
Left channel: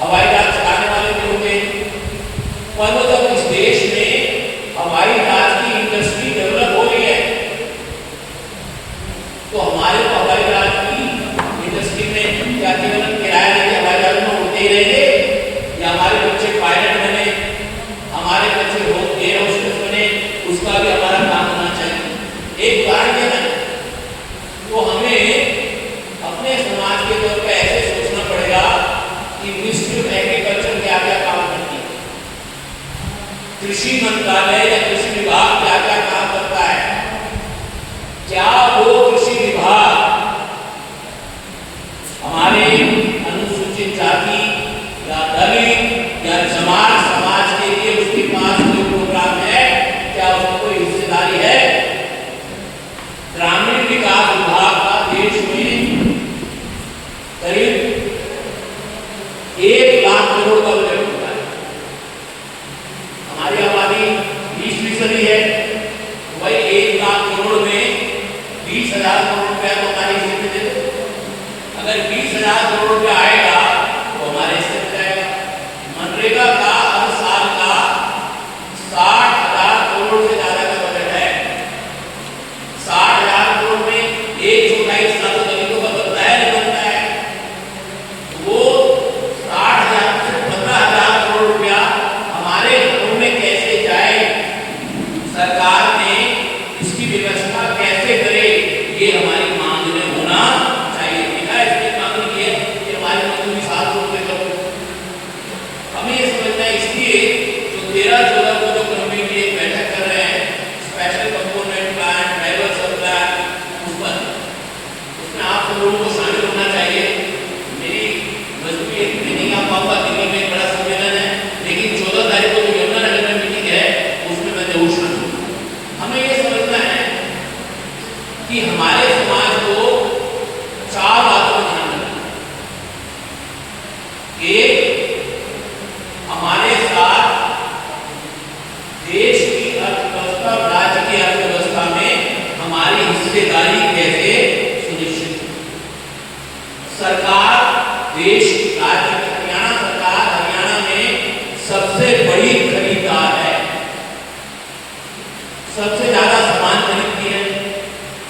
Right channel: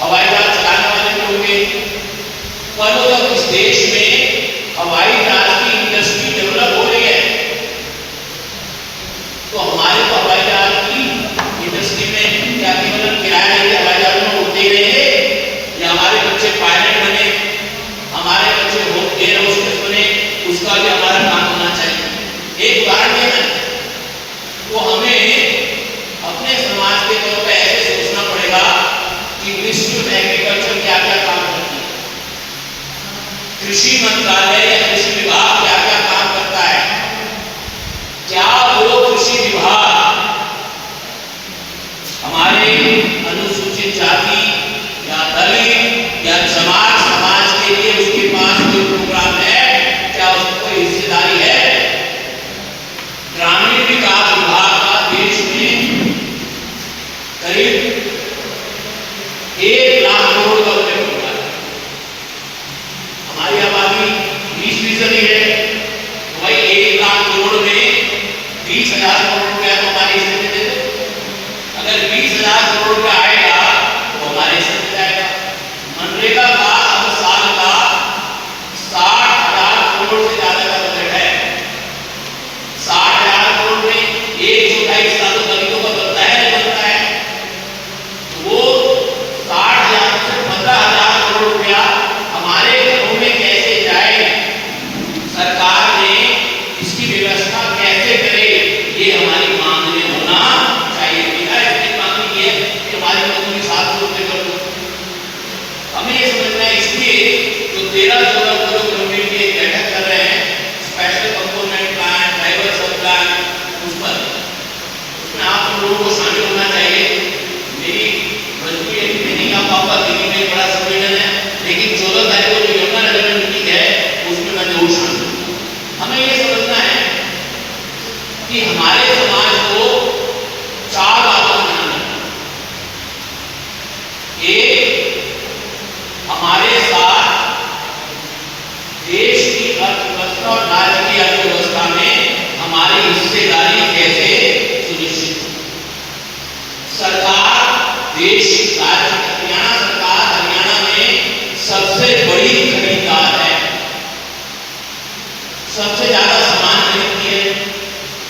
हवाई जहाज चलाने वाले भी होंगे। पर वो जब इस देश में हवाई जहाज की इंडस्ट्री डेवलप हो रही है तो हमारे तो हवाई जहाज की इंडस्ट्री में क्या केवल किराया लेके हवाई जहाज में उड़ते ही रहेंगे, या हमारे बच्चे पायलट बने, हमारे बच्चे एयर होस्टेस बने, उसका भी हमारा काम होना चाहिए। एक उदाहरण देना, तो हमें अपने समाज के तौर पर ऐसे सोचना पड़ेगा कि मिनिस्ट्री ऑफ एग्रीकल्चर क्या क्या काम करती है, कृषि मंत्रालय या कृषि विभाग क्या क्या काम करता है। क्या वो कृषि विभाग हमारे अनुसूचित जाति या दलित या जमात समाज के लिए उसके पास कोई प्रोग्राम है? क्या उसको कोई हिस्सेदारी है? ग्रामीण विकास विभाग का देश में करीब 1 लाख करोड़ का बजट होता है। हमारी आबादी 20% है, वही 1 लाख करोड़ में 20,000 करोड़ रुपया तो हमारे हिस्से में दे दो। अगर 20,000 करोड़ रुपया आएगा तो हमारे हिस्से में जाएगा। मनरेगा का हर साल का 60,000 करोड़ से ज्यादा का बजट है। 60,000 करोड़ में 1/4 हिस्सा तो दलितों का बनता है, नहीं बनता है? वो 60,000 से 15,000 करोड़ रुपया हमारे घरों में कैसे जाए, सरकार ने इसकी व्यवस्था कैसे करे, ये हमारी मांग में होना चाहिए। इसकी मांग ये है कि हमारी मजदूरी 700 रुपये कर दो। हमें ये समझना है, इसलिए जो 13-14 को जो गवर्नमेंट की एक बैठक कर रहे हैं, स्पेशल कंपोनेंट प्लान, ड्राइवर सब प्लान, उसमें आप सब लोगों को शामिल होना चाहिए। मेरी मजबूरी है कि नहीं आ पाऊंगा, दिल्ली में बड़ा सम्मेलन है, लेकिन 14 तारीख को जो यमुनानगर में मीटिंग है उसमें मैं जरूर शामिल हूँ। हमें ये समझना है कि हमारे समाज को 4 बातों का ध्यान रखना। एक, हमारे साथ देश की अर्थव्यवस्था, राज्य की अर्थव्यवस्था में हमारी हिस्सेदारी कैसे सुनिश्चित हो। सरकार, देश, राज्य, हरियाणा सरकार हरियाणा में सबसे बड़ी खरीदार है, सबसे ज्यादा सामान खरीदती है,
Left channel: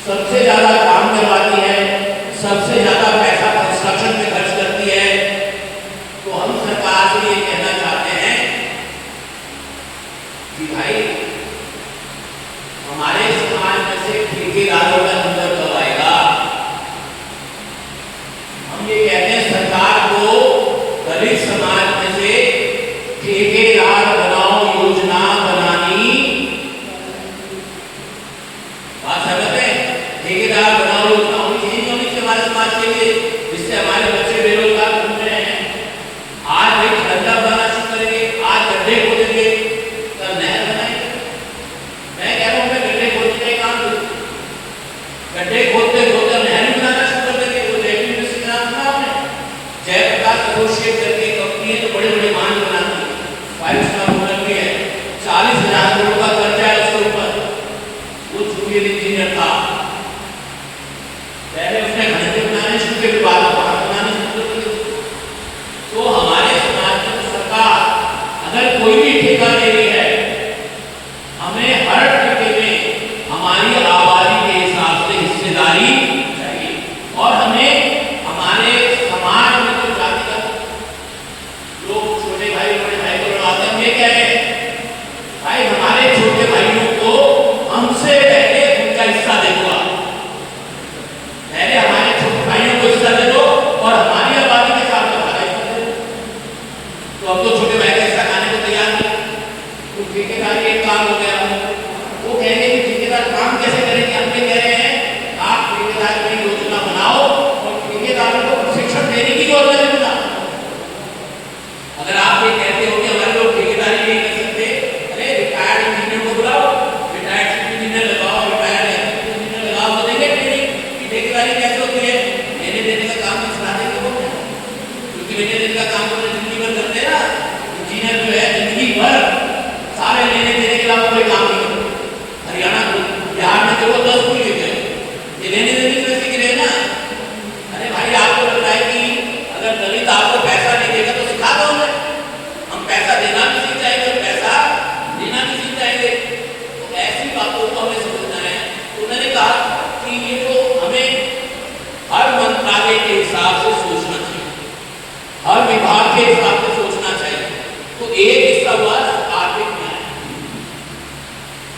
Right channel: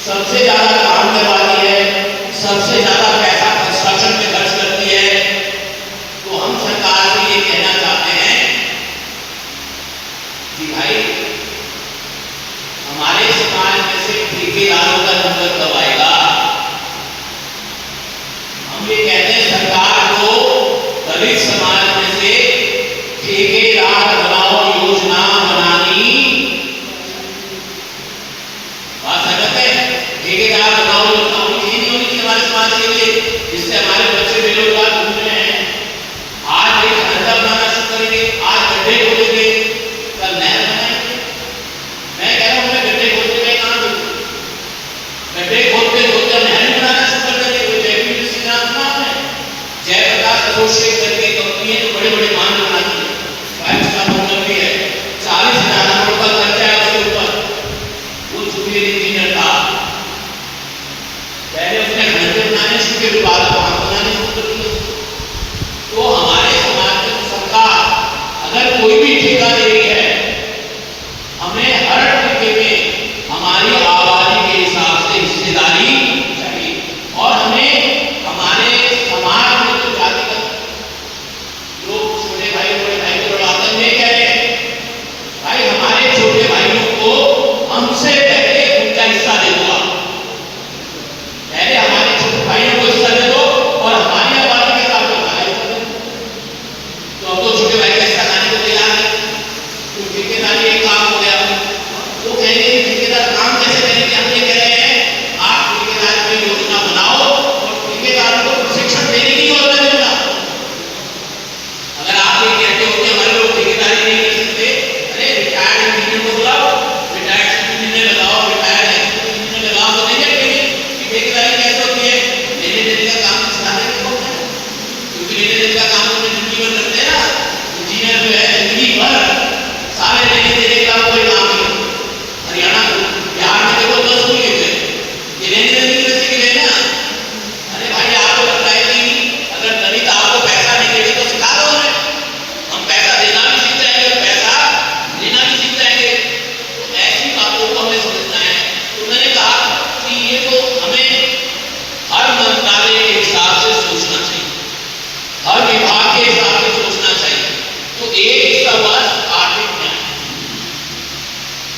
सबसे ज्यादा काम करवाती है, सबसे ज्यादा पैसा कंस्ट्रक्शन में खर्च करती है। तो हम सरकार से ये कहना चाहते हैं कि भाई हमारे समाज में से ठेकेदारों का नंबर कब आएगा? हम ये कहते हैं सरकार को दलित समाज में से ठेकेदार बनाओ योजना बनानी। बात समझते हैं? ठेकेदार बनाओ योजना होनी चाहिए हमारे समाज के लिए, जिससे हमारे बच्चे बेरोजगार घूम रहे हैं। आज एक धंधा बनाना शुरू करेंगे, आज गड्ढे खोदेंगे, कल नहर बनाएंगे। मैं कह रहा हूँ मैं गड्ढे खोदने में काम करूँ, गड्ढे खोदते खोदते नहर बनाना शुरू कर देंगे। वो जयपुर यूनिवर्सिटी का नाम है, जयप्रकाश एसोसिएट करके कंपनी है जो बड़े बड़े मान बनाती है, 5 स्टार होटल भी है, 40,000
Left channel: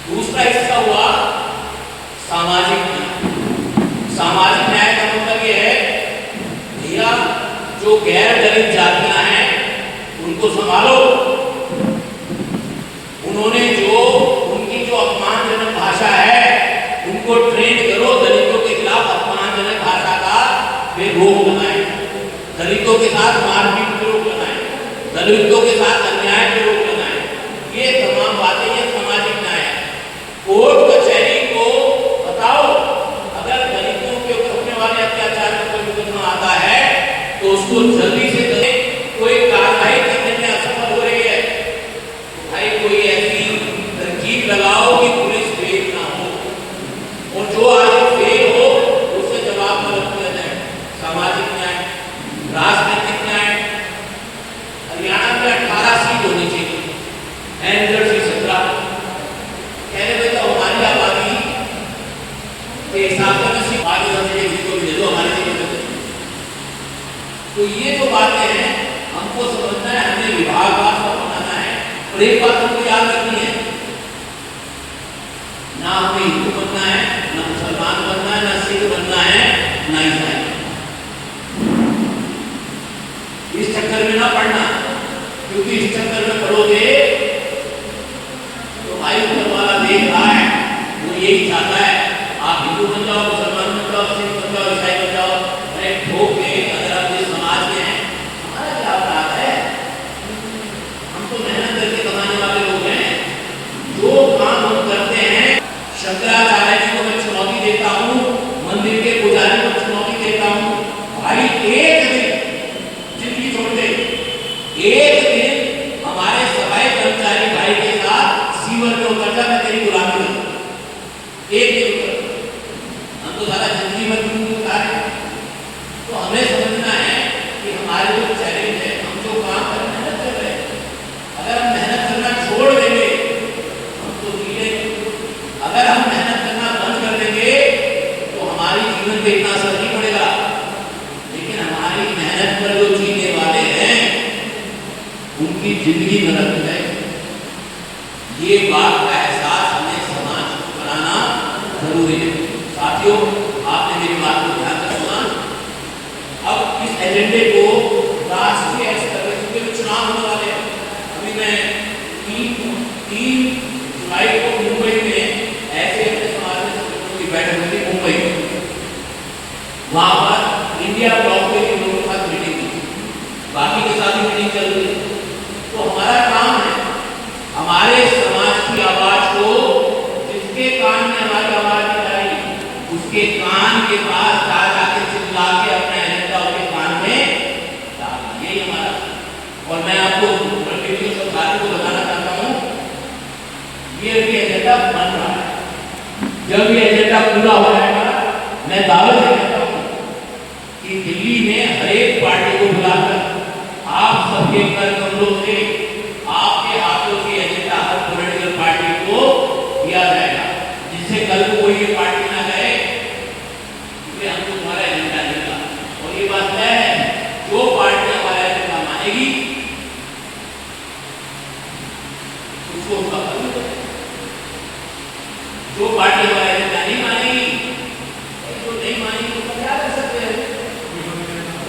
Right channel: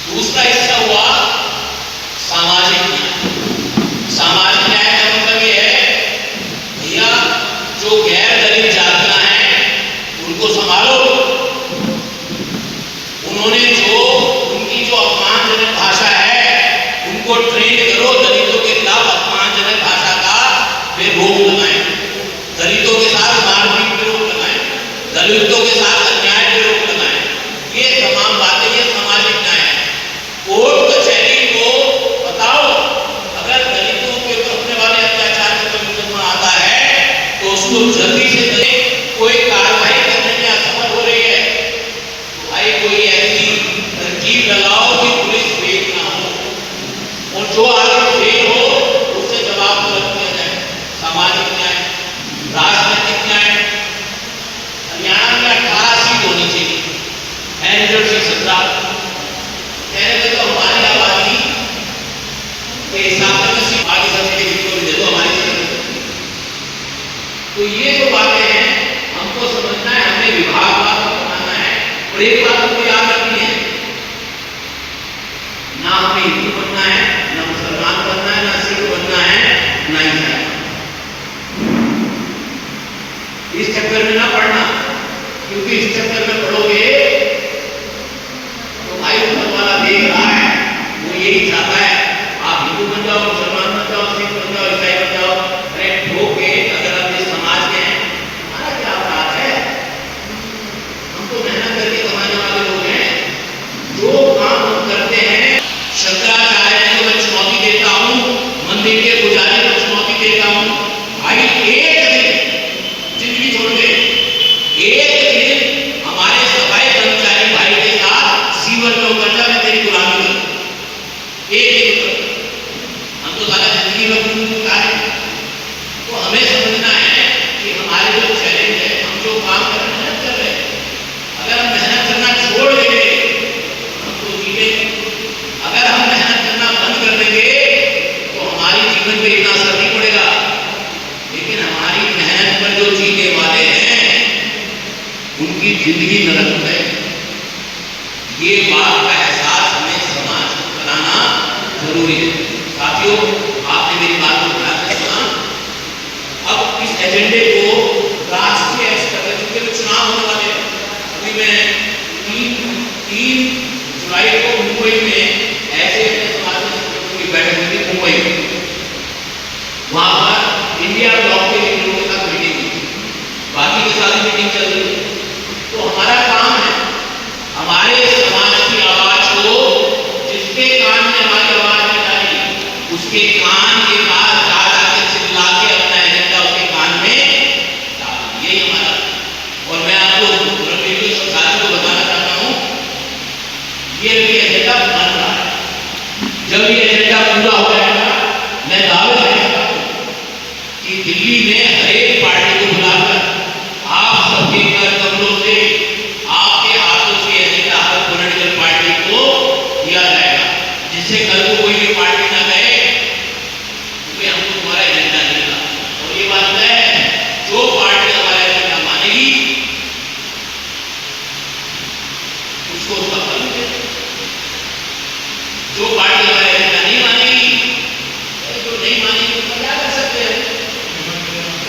दूसरा हिस्सा हुआ सामाजिक न्याय। सामाजिक न्याय का मतलब ये है भैया जो गैर दलित जातियां हैं उनको संभालो, उन्होंने जो उनकी जो अपमानजनक भाषा है उनको ट्रेन करो, दलितों के खिलाफ अपमानजनक भाषा का वे रोक लगाएं, दलितों के साथ मारपीट पे रोक लगाएं, दलितों के साथ अन्याय पे रोक लगाएं। ये तमाम बातें ये सामाजिक न्याय है। कोर्ट कचहरी को बताओ अगर दलितों के ऊपर होने वाले अत्याचार का कोई मुकदमा आता है तो उसको जल्दी से कोई कार्रवाई करने में असफल हो रही है, भाई कोई ऐसी तरकीब लगाओ कि पुलिस फेल ना हो, और जो आरोप फेल हो उससे जवाब तलब किया जाए। सामाजिक न्याय, राजनीतिक न्याय। हरियाणा में 18 सीट होनी चाहिए, एनडीए से 17। कहने में तो हमारी आबादी के हिसाब से किसी आगे सबसे जिसको भी दे दो हमारी जगह। तो ये जो बातें हैं हमको समझना है, हमें विभाग बनाना है। और एक बात हमको याद रखनी है, ना हमें हिंदू बनना है, ना मुसलमान बनना है, ना सिख बनना है, ना ईसाई। इस चक्कर में ना पड़ना, क्योंकि इस चक्कर में पड़ोगे तो भाई ऊपर वाला देख रहा है, वो यही चाहता है आप हिंदू बन जाओ, मुसलमान बन जाओ, सिख बन जाओ, ईसाई बन जाओ। अरे ठोके अगर आप इस समाज के हैं, हमारा क्या अपराध है? हम तो मेहनत करके कमाने वाले लोग हैं। जो काम हम करते हैं, शंकराचार्य जी को मैं चुनौती देता हूँ, मंदिर के पुजारी को चुनौती देता हूँ, भाई एक दिन जिंदगी छोड़ दे, एक दिन हमारे सफाई कर्मचारी भाई के साथ सीवर में उतर जा, मैं तेरी गुलामी करूं। एक दिन उतर, हम तो सारा जिंदगी में उतार रहे। तो हमें समझना है कि हमारे जो चैलेंज है, हम जो काम कर रहे हैं, मेहनत कर रहे हैं, अगर हम मेहनत करना छोड़ देंगे हम तो जीते। अगर हम मेहनत करना बंद कर देंगे तो हमारी जीवन पे इतना असर नहीं पड़ेगा, लेकिन हमारी मेहनत पर जो जीने वाले हैं उनकी जिंदगी नरक हो जाएगी। ये बात का एहसास हमें समाज को कराना जरूरी है। साथियों, आपने मेरी बात को ध्यान से सुना। अब इस एजेंडे को राष्ट्रीय स्तर पर, क्योंकि चुनाव होने वाले हैं, अभी मैं 3 जुलाई को मुंबई में ऐसे समाज की बैठक हुई थी मुंबई में। वहां पर इंडिया ब्लॉक के लोगों के साथ मीटिंग हुई, बाकी के साथ मीटिंग चल रही। तो हमारा काम है हमारे समाज की आवाज को, जिसके कान में हमारी आवाज नहीं जा रही उसके कान के पास जा जाके चिल्ला के अपना एजेंडा उसके कान में डाल, यही हमारा। और मैं आपको साथियों को बताना चाहता हूँ, ये भी एजेंडा बन रहा है। जब ये एजेंडा पूरा हो जाएगा, मैं दावे करता हूँ कि दिल्ली में हर एक पार्टी को बुलाकर आप सबके कर कमरों से, आपके हाथों से एजेंडा हर पॉलिटिकल पार्टी को दिया जाएगा, जिससे कल को कोई भी पार्टी ना कहे कि हमको तुम्हारा एजेंडा नहीं था। और ये बात तय है, जो पार्टी हमारा एजेंडा मानेगी उसको उसका फल मिलेगा, जो पार्टी हमारा एजेंडा नहीं मानेगी, जो नहीं मानेगी उसका क्या कर सकते हैं,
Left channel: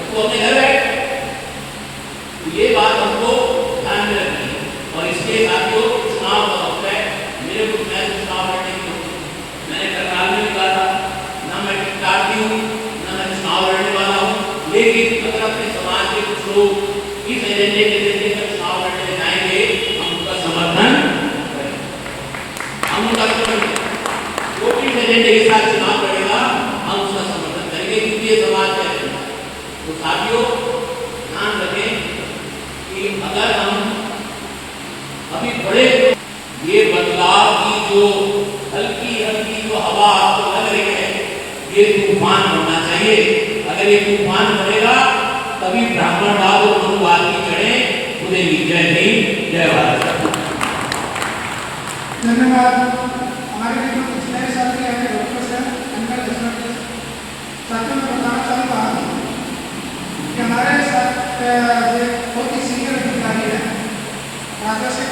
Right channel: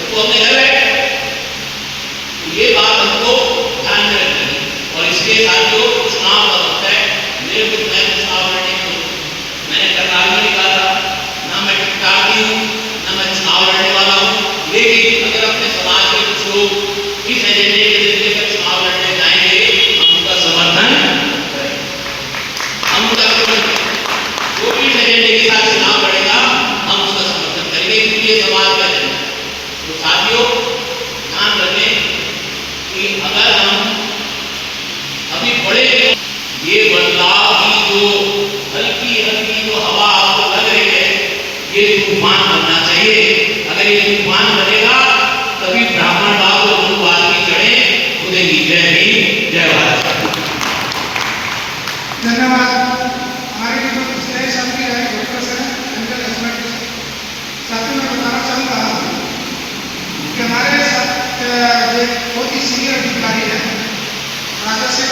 तो अपने घर बैठे। ये बात हमको ध्यान में रखनी है। और इसके साथ जो चुनाव का वक्त है, मेरे कुछ मैं चुनाव लड़ने को मैंने करनाल में निकाला, ना मैं टिकटाती हूँ, ना मैं चुनाव लड़ने वाला हूँ। लेकिन अगर अपने समाज के कुछ लोग इस एजेंडे के जरिए कर चुनाव लड़ने जाएंगे, हम उनका समर्थन करेंगे, हम उनका समर्थन करेंगे। जो भी इस एजेंडे के साथ चुनाव लड़ेगा हम उसका समर्थन करेंगे, क्योंकि ये समाज का एजेंडा। तो साथियों, ध्यान रखें कि अगर हम अभी बड़े, ये बदलाव की जो हल्की हल्की जो हवा आपको लग रही है, ये तूफान बनना चाहिए। अगर ये तूफान बनेगा तभी ब्राह्मणवाद और मनुवाद की जड़ें खुदेंगी। जय हिंद, जय भारत। धन्यवाद। हमारे जो पिछले साल के डॉक्टर्स हैं, उनका जजमेंट साथियों मैं बताना चाहूँगा कि हमारे साथ बहुत ही सीनियर अधिकारी है राजा से,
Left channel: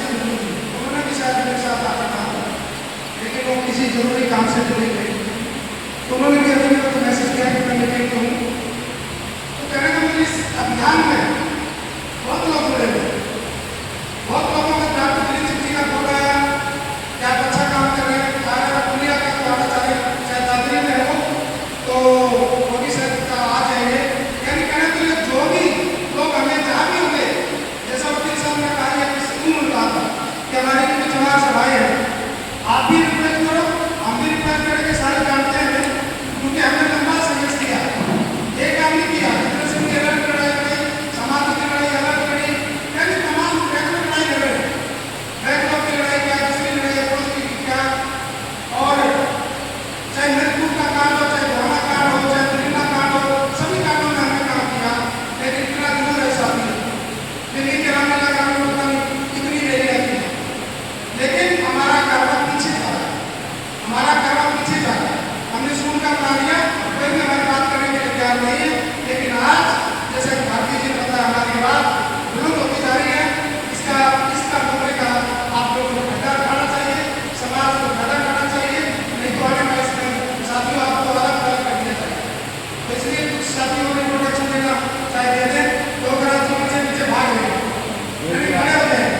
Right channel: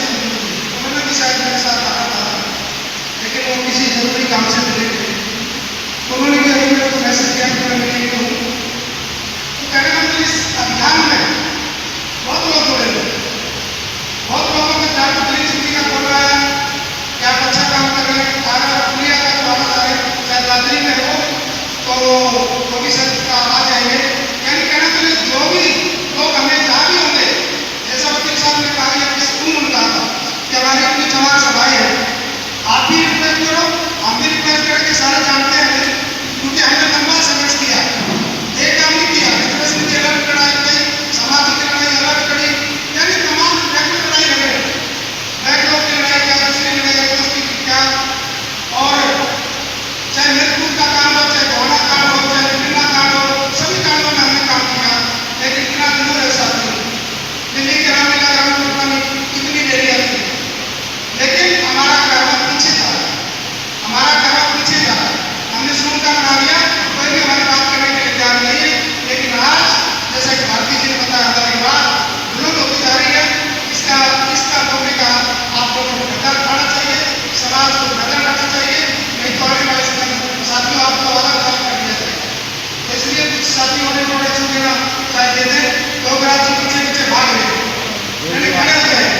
उन्होंने भी शायद मेरे साथ आया था। कहने का मतलब इस अभियान में बहुत लोग जुड़े हुए, बहुत लोगों का ध्यान दिल्ली सिटी का बोल रहा है कि आप अच्छा काम कर रहे हैं, थाना पुलिया का द्वारा जा रहे हैं, शायद दादरी में हो तो वो भी सर का आ जाएंगे। यानी कहना चाहिए जो भी लोग हमें जहाँ भी होंगे, जैसा वकील साहब ने कहा या किसी उम्र कहा था कि हमारे इनके जवान सभाएं हैं, आप भी रिक्वेस्ट करो, हम भी रिक्वेस्ट करें कि सारे जानते हैं क्योंकि हमने लंबा संघर्ष किया, एक काम नहीं किया, फेडरेशन की अलग लड़ाई करी, समाज की लड़ाई अलग लड़ी, यानी तमाम रेगुलर लड़ाई लड़ रहे, बैकलॉग की लड़ाई क्या, दूसरी लड़ाई दोस्ती की क्या, और चाहे मृत्यु का कांड हो, चाहे गौना कांड हो, चाहे विभिन्न कांड हो, सभी कांडों में हमने काम किया। लेकिन इतना जरूर है साथी, दिल्ली के रामलीला कानून को पता नहीं कितनी देरी आती, लेकिन हमारा कार्य पीछे था, हमारा कार्य पीछे था, हमने शुरू का बना दिया, कोई भी हमारी बात करने के लिए तैयार नहीं है। लेकिन आज जैसा कि भारती जी ने बताया, हमारी बात दुरुस्त होती जा रही है, इसका मौके का आप लोगों को फायदा उठाना चाहिए, समाज को फायदा करना चाहिए, नहीं तो आने वाले समय में साथियों आपको अलग अलग कर दिया जाएगा। तो इसलिए कुछ साथियों ने प्रोटेक्शन देना चाहे दे दें, प्रोग्राम जी पीछे पीछे भाग रहे हैं, मैंने खड़े हुए हैं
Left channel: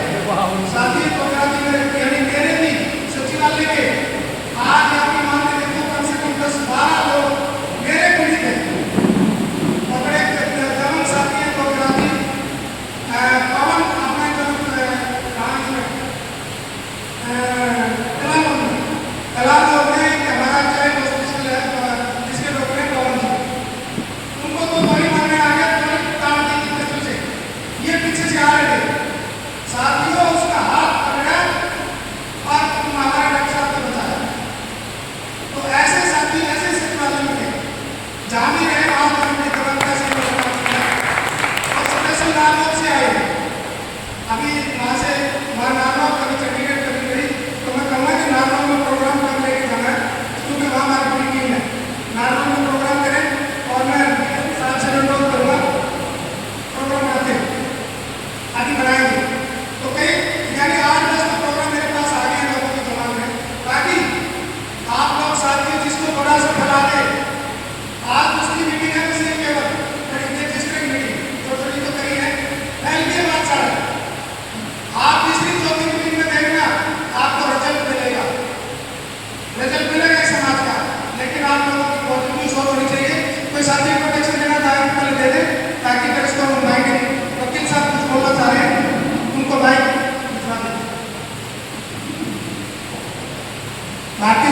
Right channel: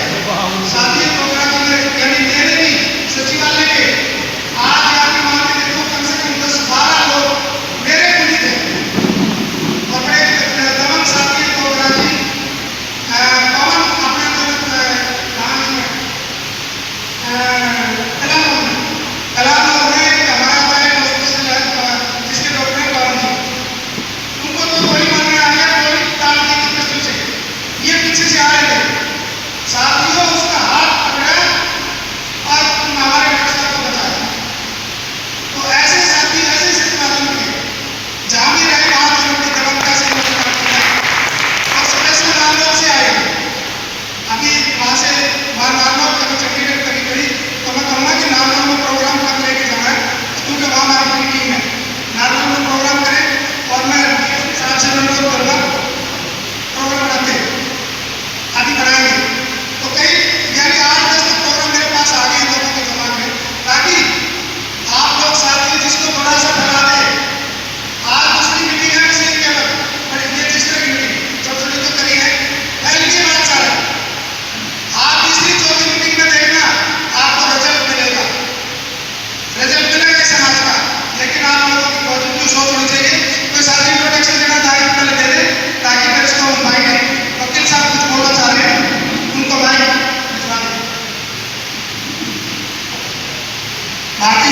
साथी प्रोग्राम जी ने, यानी मैंने भी सचिवालय के आज आपकी मान के देखो कम से कम 10-12 लोग मेरे पुलिस थे, अपने दमन साथी प्रोग्राम जी पवन अपने कलाम में हमारा चाइल्ड हॉस्पिटल है जिसके डॉक्टर हैं पवन जी, उनको तो गोली मारने आ गया, गोली ताड़ दी थी पिस्टल से, ये पीछे से आ रहे थे साथियों, उसका हाथ पकड़ा और हमारे डॉक्टर साहब को बचाया। तो ऐसे साथी ऐसे सिपाही मिले जहाँ भी रहे वहाँ पर उनकी दबंग से और स्पेशल नारनौल से आए, अभी वहाँ से नारनौल कभी चंडीगढ़ कभी करी, तो मैं कहूँगा कि नारनौल में प्रोग्राम कब लेके जाना है, क्योंकि वहाँ हमारी पूरी टीम है, नारनौल में प्रोग्राम करें और मैं साथ से अनुरोध करूँगा प्रोग्राम रखें, आगे बढ़ाएंगे। तो कई यानी 8-10 तक प्रोग्राम मेरे पास आ गए लोगों के दिमाग में, ताकि आप लोग साथी जिसको थोड़ा सा फैला दे, आज दूसरी मीटिंग है किसी केवल बड़ी ये जिस तरह की मीटिंग छोटी छोटी तो करी है, फैल के बात सारा आप तीसरी चौथी मीटिंग में देखना आपको रिजल्ट मिलेगा इस समाज का। लेकिन आप लोगों की पॉजिटिव सोच होनी चाहिए, तो साथी प्रोटेक्शन देना तारीफ पहले दे दे ताकि फिर इसको हम माइक वकील साहब कुछ बोलना चाह रहे हैं, उनको माइक भिजवा दें। भारतीय